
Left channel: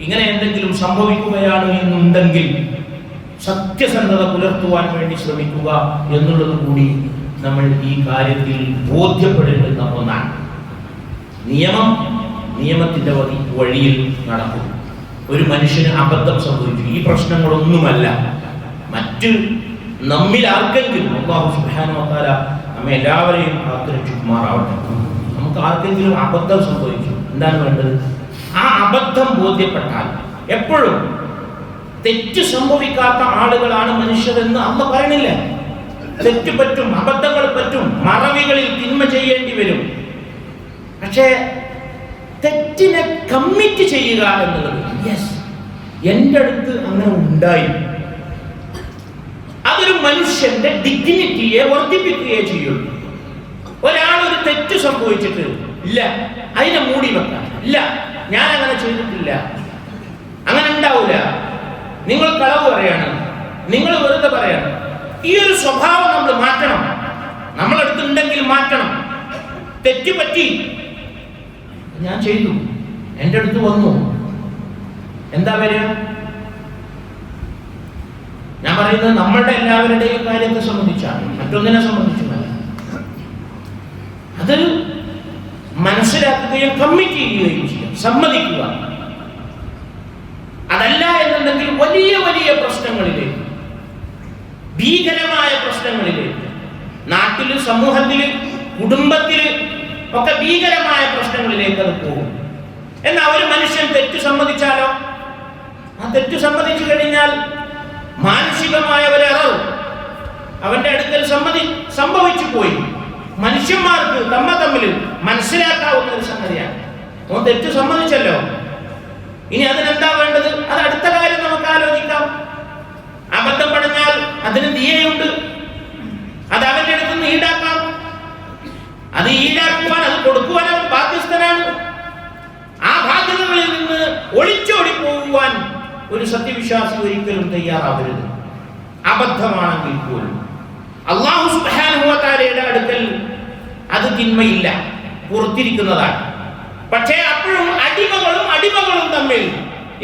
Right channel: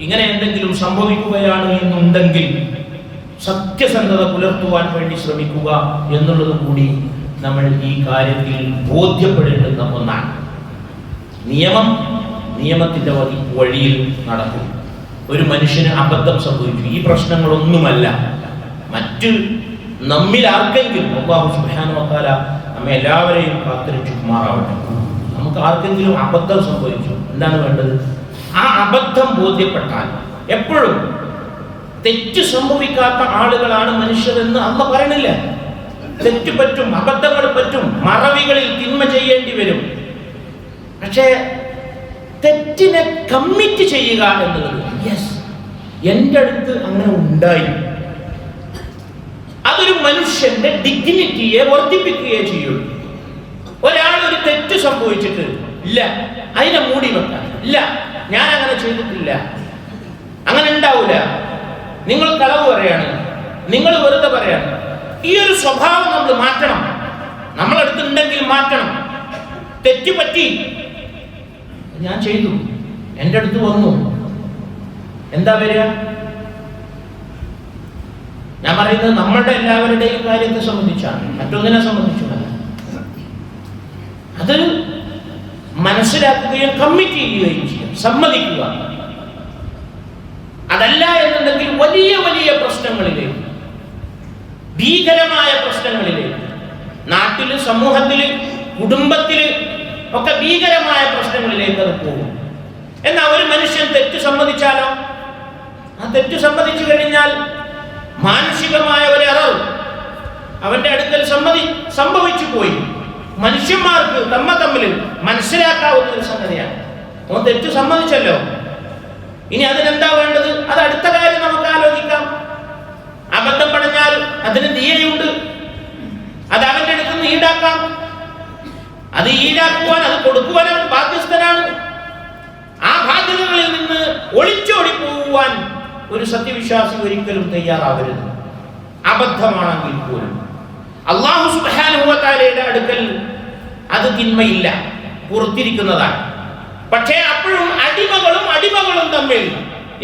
ഇങ്ങനെ എന്തെങ്കിലും സംഭവിക്കുകയാണ് എന്നുണ്ടെങ്കിൽ സത്യസന്ധത പുലർത്തുവാൻ വേണ്ടി ശ്രമിക്കുക എന്നുള്ളത് കൂടി നമ്മൾ ഈ കാര്യത്തിൽ ബോധ്യപ്പെടേണ്ടുന്ന ഒന്നാണ്. നിയമം നിയമത്തിന്റെ വഴിയിൽ നടക്കും. ഒരു മനുഷ്യന് അബദ്ധം സംഭവിച്ചു, ഈ പ്രശ്നങ്ങളൊന്നുമല്ല, മറ്റ് നമ്മിൽ ആർക്കെങ്കിലും അല്ലാഹു സുബ്ഹാനഹു വ തആല നമ്മെ എല്ലാവരെയും കാത്തുരക്ഷിക്കുമാറാവട്ടെ. നമുക്ക് ആർക്കെങ്കിലും അബദ്ധം സംഭവിച്ചു, എന്താണ് വേണ്ടത്? ആ അബദ്ധം ബോധ്യപ്പെട്ടാൽ, എപ്പോഴും തെറ്റ് സംഭവിക്കാത്ത ആളുകളാണ് മനുഷ്യരെന്ന് അള്ളാഹ് പറയണില്ല. തെറ്റ് പറ്റും, അബദ്ധങ്ങൾ പറ്റും, മറവികളിൽ തിന്മ ചെയ്യേണ്ടി വരും. പക്ഷേ തെറ്റിനെ കമ്മിറ്റ് ചെയ്യുക എന്നുള്ളത്, യെസ്, എൻ്റെ അടുത്ത് അങ്ങനെ ഉണ്ടായി, അതൊരു മനുഷ്യന്റെ ഡിഗ്നിറ്റിയെ വർദ്ധിപ്പിക്കുകയേ ചെയ്യുള്ളൂ. ഒരാൾ ഒരു തെറ്റ് സംഭവിച്ചിട്ട് ഇല്ല, അതിനെ മൂടി വെക്കാൻ, ഇല്ല ഞാൻ അങ്ങനെ ചെയ്തിട്ടില്ല, അങ്ങനെ ഉണ്ടാവില്ല, നിങ്ങൾ കളവ് പറയാണ്, നിങ്ങൾ വെറുതെ പറയാണ്, ഈ ഒരു സ്വഭാവം നമ്മൾ മാറ്റണം. നമ്മളടുത്തുണ്ടെങ്കിൽ മാറ്റണം. തെറ്റ് പറ്റി, ഞാൻ ചെയ്തു, എൻ്റെ അടുത്ത് വന്നു, എന്താ വരിക? ഞാൻ പറയുന്നത് നമ്മളുടെ എല്ലാവരുടെയും കാര്യത്തെ സംബന്ധിച്ചാണ്, മറ്റൊന്നിനെ സംബന്ധിച്ചുമല്ല. അത് മനസ്സിലാക്കുകയും കമ്മിറ്റ് ചെയ്യുകയും ചെയ്യും, സമ്മതിക്കുക. അതല്ല എന്നുണ്ടെങ്കിൽ വലിയ വലിയ പ്രശ്നങ്ങളിലേക്ക്, ഭീകരമായ പ്രശ്നങ്ങളിലേക്ക്, നാട്ടില്, സമൂഹത്തില്, കുടുംബത്തില് ഒക്കെ ഭീകരമായ പ്രശ്നങ്ങളിലേക്ക് അത് പോകും. എന്നാൽ ഒരു മനുഷ്യൻ തെറ്റ് സമ്മതിച്ചാലോ, ആ തെറ്റ് സമ്മതിച്ചു കഴിഞ്ഞാൽ മാനസികമായ ഒരു എറർ അവന്റെ അടുക്കൽ സംഭവിച്ചു പോയി. മനുഷ്യന്മാർക്ക് തമ്മിൽ മനസ്സിലാക്കാവുന്ന ഒരു സംഗതിയാണ്. അവൻ തെറ്റ് സമ്മതിച്ചല്ലോ, ഇനി അതിനെന്താ വേണ്ടത്? അത് അടുത്ത കാര്യം നമുക്ക് ആലോചിക്കാം. അബദ്ധം പറഞ്ഞാൽ അതിന് ദിയയുണ്ട്, അത് അവന്റെ അടുത്ത് നിന്ന് ഈടാക്കാം. അത് ഈടാക്കുവാൻ, അത് കൊടുക്കുവാൻ അവൻ ബാധ്യസ്ഥനാണ്. ആ ബാധ്യതകളിൽ നിന്ന് ഒളിച്ചോടി പോകുവാൻ ഒരു സത്യവിശ്വാസി ഒരിക്കലും തയ്യാറാവരുത്, അബദ്ധമാണെങ്കിൽ പോലും. അല്ലാഹു സുബ്ഹാനഹു വ തആലയുടെ അടുക്കൽ അത് തിന്മയില്ല, പുറത്തിരിക്കുന്നതാണ്. പക്ഷേ അപ്പോഴും അടിമകളും തമ്മിൽ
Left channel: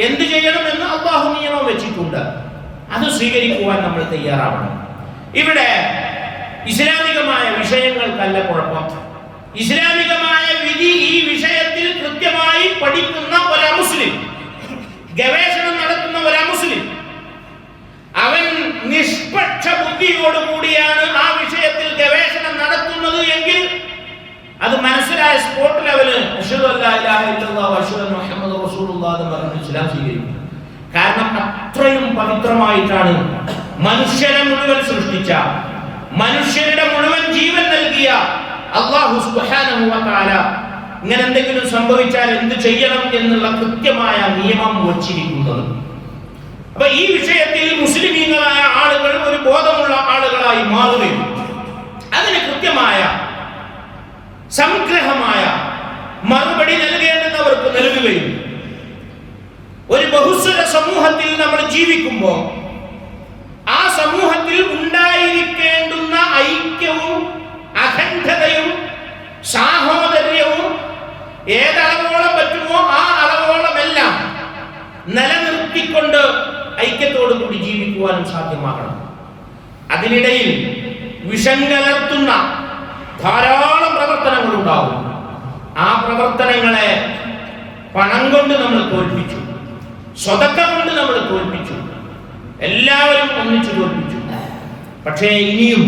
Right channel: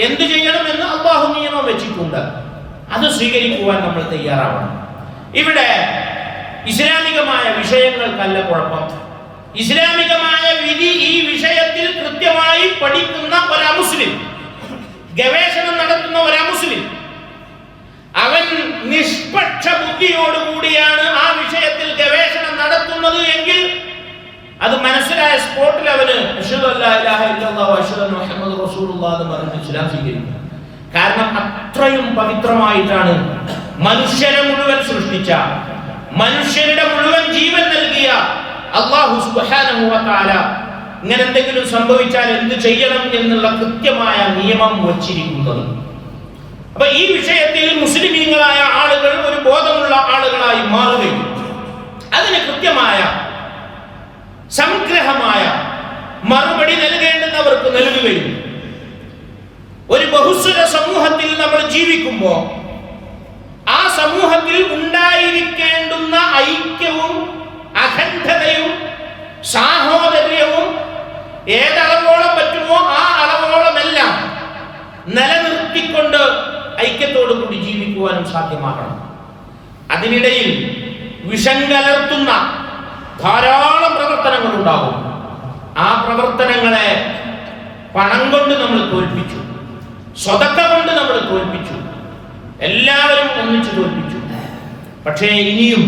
എന്ത് ചെയ്യണമെന്ന് അല്ലാഹു നിയമം വെച്ചിട്ടുണ്ട്. അത് സ്വീകരിക്കുവാൻ നമ്മൾ തയ്യാറാവണം. ഇവിടെ ഇസ്ലാമികമായ വിഷയങ്ങൾക്കല്ല കുഴപ്പം. ഇസ്ലാമികമായ വിധി ഈ വിഷയത്തിൽ കൃത്യമായി പഠിക്കുന്ന ഒരു മുസ്ലിം, ഗവേഷണം നടത്തുന്ന ഒരു മുസ്ലിം, അവൻ നിഷ്പക്ഷ ബുദ്ധിയോടുകൂടിയാണ് ആ വിഷയത്തിൽ ഗവേഷണം നടത്തുന്നത് എങ്കിൽ അത് മനസ്സിലായ സ്പോട്ട് ലെവല് അശ്ഹദു അല്ലാ ഇലാഹ ഇല്ലല്ലാഹു അശ്ഹദു അന്ന മുഹമ്മദ് റസൂലുള്ളാഹി എന്ന് പറഞ്ഞ് ഇസ്ലാം സ്വീകരിക്കും. കാരണം അത്രയും പവിത്രമായിട്ടാണ് മനുഷ്യരെ മുഴുവൻ സൃഷ്ടിച്ച, മനുഷ്യരുടെ മുഴുവൻ ജീവൻ നൽകിയ അല്ലാഹു സുബ്ഹാനഹു വ തആല ഇങ്ങനെ എന്തെങ്കിലും സംഭവിച്ചാൽ എന്ത് ചെയ്യണം എന്നുള്ള കൃത്യമായ നിയമം വച്ചിരിക്കുന്നത്. അപ്പൊ ഈ വിഷയത്തിൽ മുസ്ലിമീങ്ങളായ ആളുകൾ ഒരു ബോധമുള്ള ആളുകളായി മാറുകയും അതിന് കൃത്യമായ സംഗ്രഹമായ മറുപടി നൽകേണ്ടുന്നവർക്ക് നൽകുകയും, ഒരു ബഹുസ്വര സമൂഹത്തിൽ നമ്മൾ ജീവിക്കുമ്പോൾ ആ സമൂഹത്തിൽ ഉണ്ടായിരിക്കേണ്ടുന്ന ഐക്യവും അഖണ്ഡതയും സാഹോദര്യവും ഏതളവോളം പറ്റുമോ ആ അളവോളമെല്ലാം നിലനിർത്തിക്കൊണ്ട് ഐക്യത്തോടു കൂടി ജീവിക്കുവാനും സാധ്യമാകണം. അതിനിടയിൽ വിഷം കലർത്തുന്ന ധാരാളം പ്രവർത്തനങ്ങൾ ഉണ്ടാകും. ആ പ്രവർത്തനങ്ങളെ പണം കൊണ്ട് നമ്മൾ തോൽപ്പിച്ചു, സ്വതക്ക കൊണ്ട് നമ്മൾ തോൽപ്പിച്ചു, എല്ലാവരും ഒന്നിച്ചു തോൽപ്പിച്ചു. പക്ഷേ ഇനിയും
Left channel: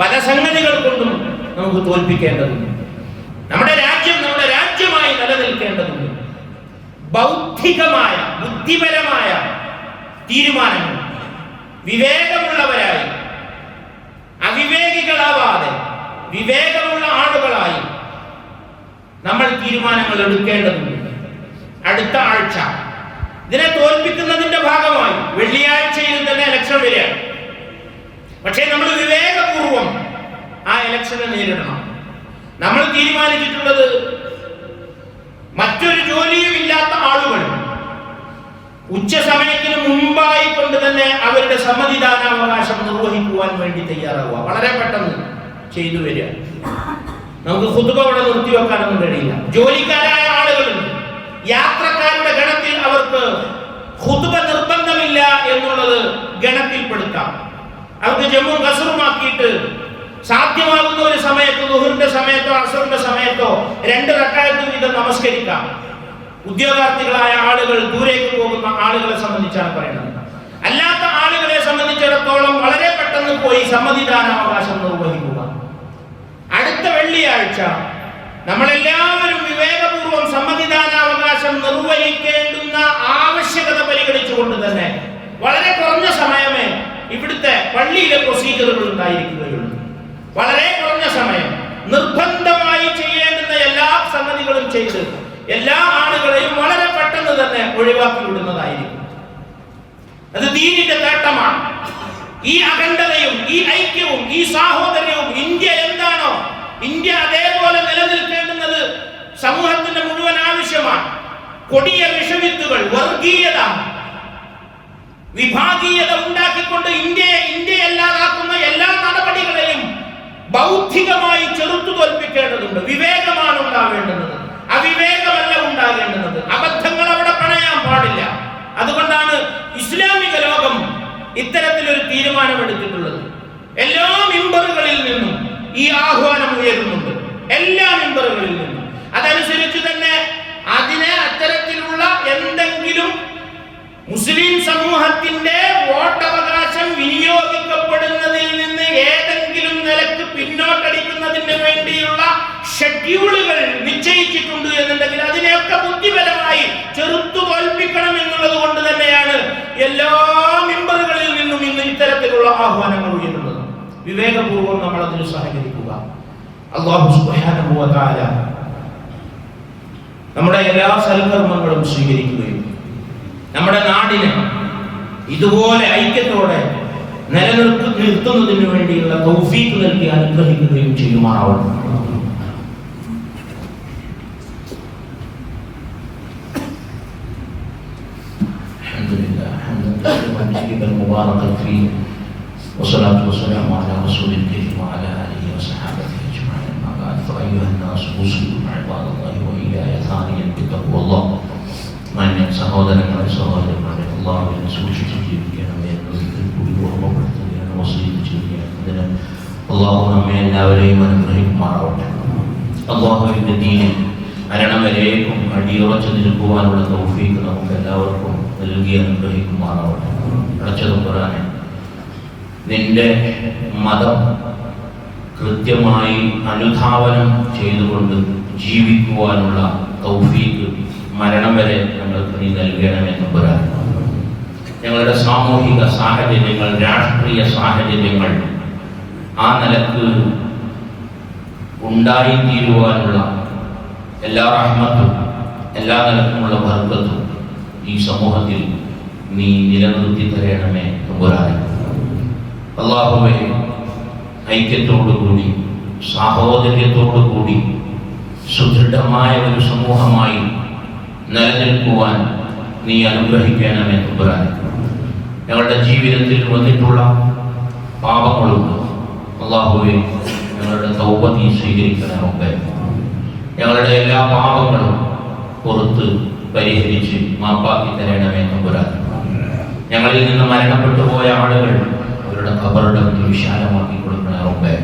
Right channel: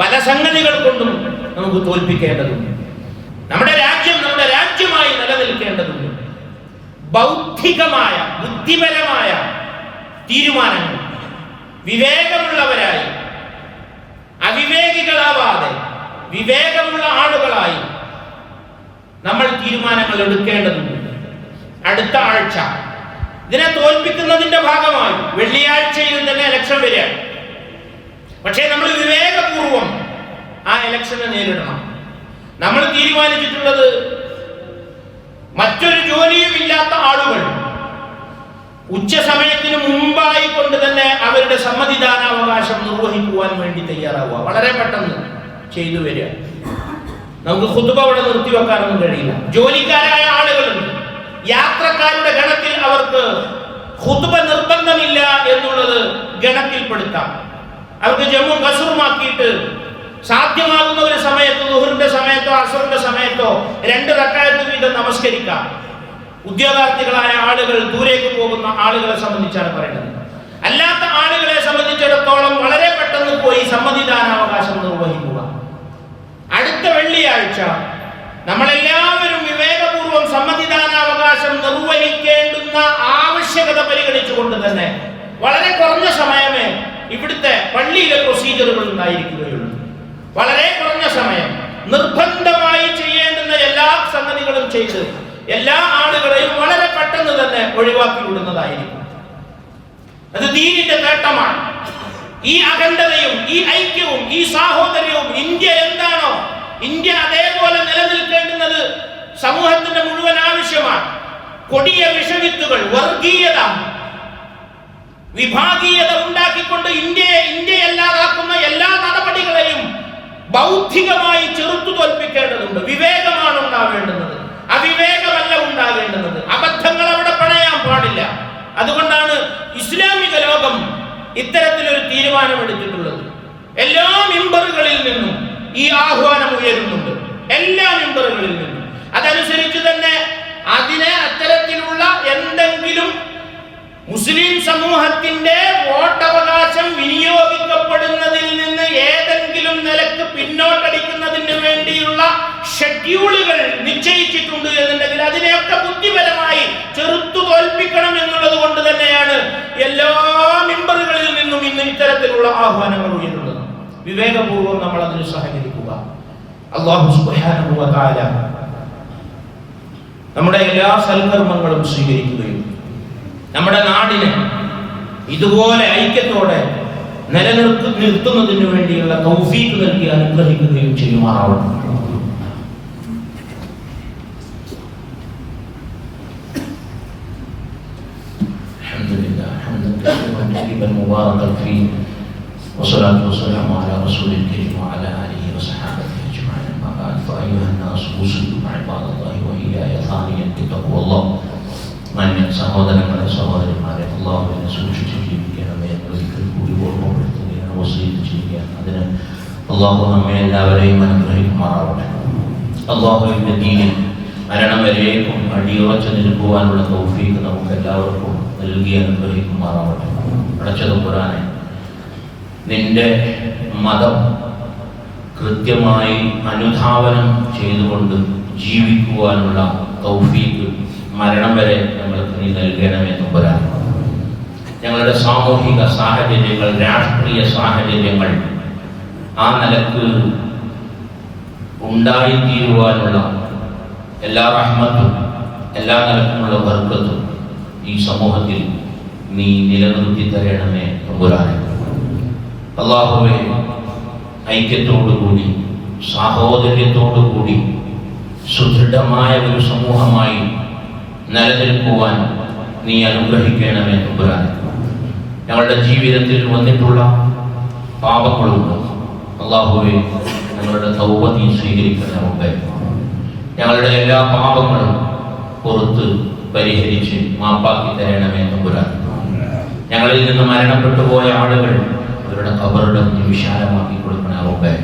പല സംഗതികൾ കൊണ്ടും നമുക്ക് തോൽപ്പിക്കേണ്ടതുണ്ട്. നമ്മുടെ രാജ്യം നമ്മുടെ രാജ്യമായി നിലനിൽക്കേണ്ടതുണ്ട്. ബൗദ്ധികമായ, ബുദ്ധിപരമായ തീരുമാനങ്ങൾ വിവേകമുള്ളവരായി, അവിവേകികളാവാതെ വിവേകമുള്ള ആളുകളായി നമ്മൾ തീരുമാനങ്ങൾ എടുക്കേണ്ടതുണ്ട്. അടുത്ത ആഴ്ച ഇതിനെ തോൽപ്പിക്കുന്നതിന്റെ ഭാഗമായി വെള്ളിയാഴ്ചയിൽ തന്നെ ഇലക്ഷൻ വരികയാണ്. പക്ഷേ നമ്മൾ വിവേകപൂർവം ആ ഇലക്ഷനെ നേരിടണം. നമ്മൾ തീരുമാനിച്ചിട്ടുള്ളത് മറ്റൊരു ജോലിയും ഇല്ലാത്ത ആളുകൾ ഉച്ച സമയത്തിന് മുമ്പായി കൊണ്ട് തന്നെ അവരുടെ സമ്മതിദാനാവകാശം നിർവഹിക്കുവാൻ വേണ്ടി തയ്യാറാവുക. വളരെ പെട്ടെന്ന് ചെയ്തു വരിക. നമുക്ക് ഖുതുബ അവിടെ നിർത്തിവെക്കാനൊന്നും കഴിയില്ല. ജോലിക്കാരായ ആളുകളുണ്ട്, യാത്രക്കാരുടെ ഗണത്തിൽ അവർക്ക് ഖുതുബ നിർബന്ധമില്ല എന്നുള്ളത് ഗണത്തിൽപ്പെടുത്താം. അവർക്ക് ജമ്മു കസറുമാക്കിയിട്ട് സാധ്യമാകുന്ന ഒരു സമയത്ത് ളുഹറിന്റെ സമയത്തോ അസറിന്റെ സമയത്തോ 2 റക്അത്ത് വീതം നമസ്കരിക്കാം. ഉദ്യോഗാർത്ഥികളായ ആളുകൾ, ദൂരേക്ക് പോകുന്ന ആളുകളെ സംബന്ധിച്ചാണ് പറയുന്നത്. അല്ലാത്ത ആളുകളെ സംബന്ധിച്ചിടത്തോളം വളരെ പെട്ടെന്ന് പോയി സമ്മതിദാനാവകാശം നിർവഹിക്കുക. അടുത്ത വെള്ളിയാഴ്ച നമ്മളെല്ലാവരും വിവേകപൂർവ്വം സമ്മതിദാനാവകാശം നിർവഹിക്കേണ്ടുന്ന ആവശ്യകത പരിഗണിച്ചുകൊണ്ട് തന്നെ വളരെ കുറഞ്ഞ സമയമേ ഇവിടുത്തെ പള്ളിയിലെ പ്രൊസീജിയറുകൾ ഉണ്ടായിരിക്കുകയുള്ളൂ. വളരെ കുറഞ്ഞ സമയം നിർബന്ധമായി ചെയ്യേണ്ടുന്ന എല്ലാ സംഗതികളും ചെയ്ത് എല്ലാ ആളുകളെയും വളരെ പെട്ടെന്ന് തന്നെ ഒഴിവാക്കി വിടുന്നതായിരിക്കും. അത് ദീനിന്റെ നേട്ടമാണ്. ഈ അഖണ്ഡതയും ഈ ഐക്യവും ഈ സാഹോദര്യവും ഇന്ത്യ എന്താണോ ഇന്ത്യ അതേപോലെ നിലനിൽക്കേണ്ടുന്നത് സമൂഹത്തിന്റെ മുഴുവൻ ആവശ്യമാണ്. കൊടിയ വിഷവിത്തുകൾ, വർഗീയത, വിഭാഗീയത ഉണ്ടാക്കിക്കൊണ്ട് ഇന്ത്യയല്ലാതാക്കുന്ന എല്ലാ നടപടികളെയും ബൗദ്ധികമായി ചെറുത്തു തോൽപ്പിക്കേണ്ടതുണ്ട്. വിവേകമാണ് ഉണ്ടാകേണ്ടുന്നത്, അവിവേകമല്ല ഉണ്ടാകേണ്ടുന്നത്. അബദ്ധങ്ങൾ അവിടെ പണയാൻ പാടില്ല. അതുകൊണ്ടാണ് ഇസ്ലാമിക ലോകം ഇത്തരത്തിലൊരു തീരുമാനമെടുത്തിട്ടുള്ളത്. എല്ലാ മിമ്പറുകളിൽ നിന്നും ഈ ആഹ്വാനം ഉയരുന്നുണ്ട്, എല്ലാ മിമ്പറുകളിൽ നിന്നും. അതനുസരിച്ച് തന്നെ അതിനെ അത്തരത്തിലുള്ള എന്തെങ്കിലും മുസ്ലിം സമൂഹത്തിന്റെ വോട്ടവകാശം വിനിയോഗിക്കപ്പെടുന്നതിൽ നിന്ന് ഏതെങ്കിലും നിലക്ക് പിന്നോട്ടടിക്കുന്നതിന് വേണ്ടിയുള്ള ഷെഡ്യൂളുകൾ നിശ്ചയിച്ചിട്ടുണ്ട് എന്നുണ്ടെങ്കിൽ അതിനെയൊക്കെ ബുദ്ധിപരമായി ചെറുത്തു തോൽപ്പിക്കണം എന്നുള്ളത് കൊണ്ട് തന്നെയാണ് എല്ലാ മിമ്പറുകളിൽ നിന്നും ഇന്ന് ഇത്തരത്തിലുള്ള ആഹ്വാനങ്ങൾ ഉയരുന്നത്. വിവേകപൂർവ്വം നമ്മൾ അതിന് സഹകരിക്കുക. അല്ലാഹു സുബ്ഹാനഹു വ തആല നമ്മുടെ എല്ലാ സൽക്കർമ്മങ്ങളും സ്വീകരിക്കുകയും നമ്മുടെ നാടിനെ ഇതുപോലെ ഐക്യത്തോടെ നിലനിർത്തുന്നതിന് വേണ്ടിയുള്ള തൗഫീഖ് നൽകി അനുഗ്രഹിക്കുകയും ചെയ്യുമാറാവണം. والصلاة والسلام على رسول الكريم وعلى آله وصحبه أجمعين. أما بعد فأيها الناس أوصيكم عباد الله وإياي ثانيا بتقوى الله. മാന്യ സഹോദരങ്ങളെ സഹോദരന്മാരെ, അല്ലാഹുവിനെ സൂക്ഷിച്ച് ജീവിക്കണം, വസീയത്ത് ചെയ്യണം. അതിന് അല്ലാഹു നമ്മെ എല്ലാവരെയും അനുഗ്രഹിക്കുമാറാവട്ടെ. അല്ലാഹുവിന്റെ ദീനിൽ മരണം വരേക്കും അടിയുറച്ചു നിൽക്കുവാനുള്ള തൗഫീഖ് നമുക്ക് എല്ലാവർക്കും നൽകി അനുഗ്രഹിക്കുമാറാവട്ടെ. പടച്ചതമ്പുരാനെ, നിന്റെ മതം കൃത്യമായി അനുധാവനം ചെയ്തുകൊണ്ട് ജീവിക്കുവാനുള്ള തൗഫീഖ് മരണം വരെ ഞങ്ങൾക്ക് നീ നൽകണമെന്ന് പറയാം. ഞങ്ങളുടെ സാമൂഹിക സാഹചര്യങ്ങൾ, രാഷ്ട്രീയ സാഹചര്യങ്ങൾ ആ നിലക്ക് ഉണ്ടായിത്തീരുവാനുള്ള എല്ലാ റഹ്മത്തും എല്ലാ നിലക്കുമുള്ള ബർക്കത്തും ഈ സമൂഹത്തിൽ നീ നിലനിർത്തി തരണമേ തമ്പുരാനെ. അല്ലാഹുവേ, ഐക്യത്തോടുകൂടി സാഹോദര്യത്തോടുകൂടി സുദൃഢമായ ഒരു സമൂഹമായി നിലനിൽക്കുവാൻ നീ അനുഗ്രഹിക്കണമേ തമ്പുരാനെ. ഞങ്ങളുടെ ജീവിതത്തിൽ വന്നിട്ടുള്ള പാപങ്ങളുണ്ട്. അല്ലാഹുവേ, ഞങ്ങളുടെ തൗബ നീ സ്വീകരിക്കണമേ. ഞങ്ങളുടെ എല്ലാ പാപങ്ങളും പുറത്ത് പരിഹരിച്ച് മാപ്പാക്കി തരണമേ തമ്പുരാനെ. ഞങ്ങളിൽ നിന്ന് മരണപ്പെട്ടു പോയ ആളുകൾ അവരുടെ ഖബറുടെ വിശാലമാക്കി കൊടുക്കണമേ.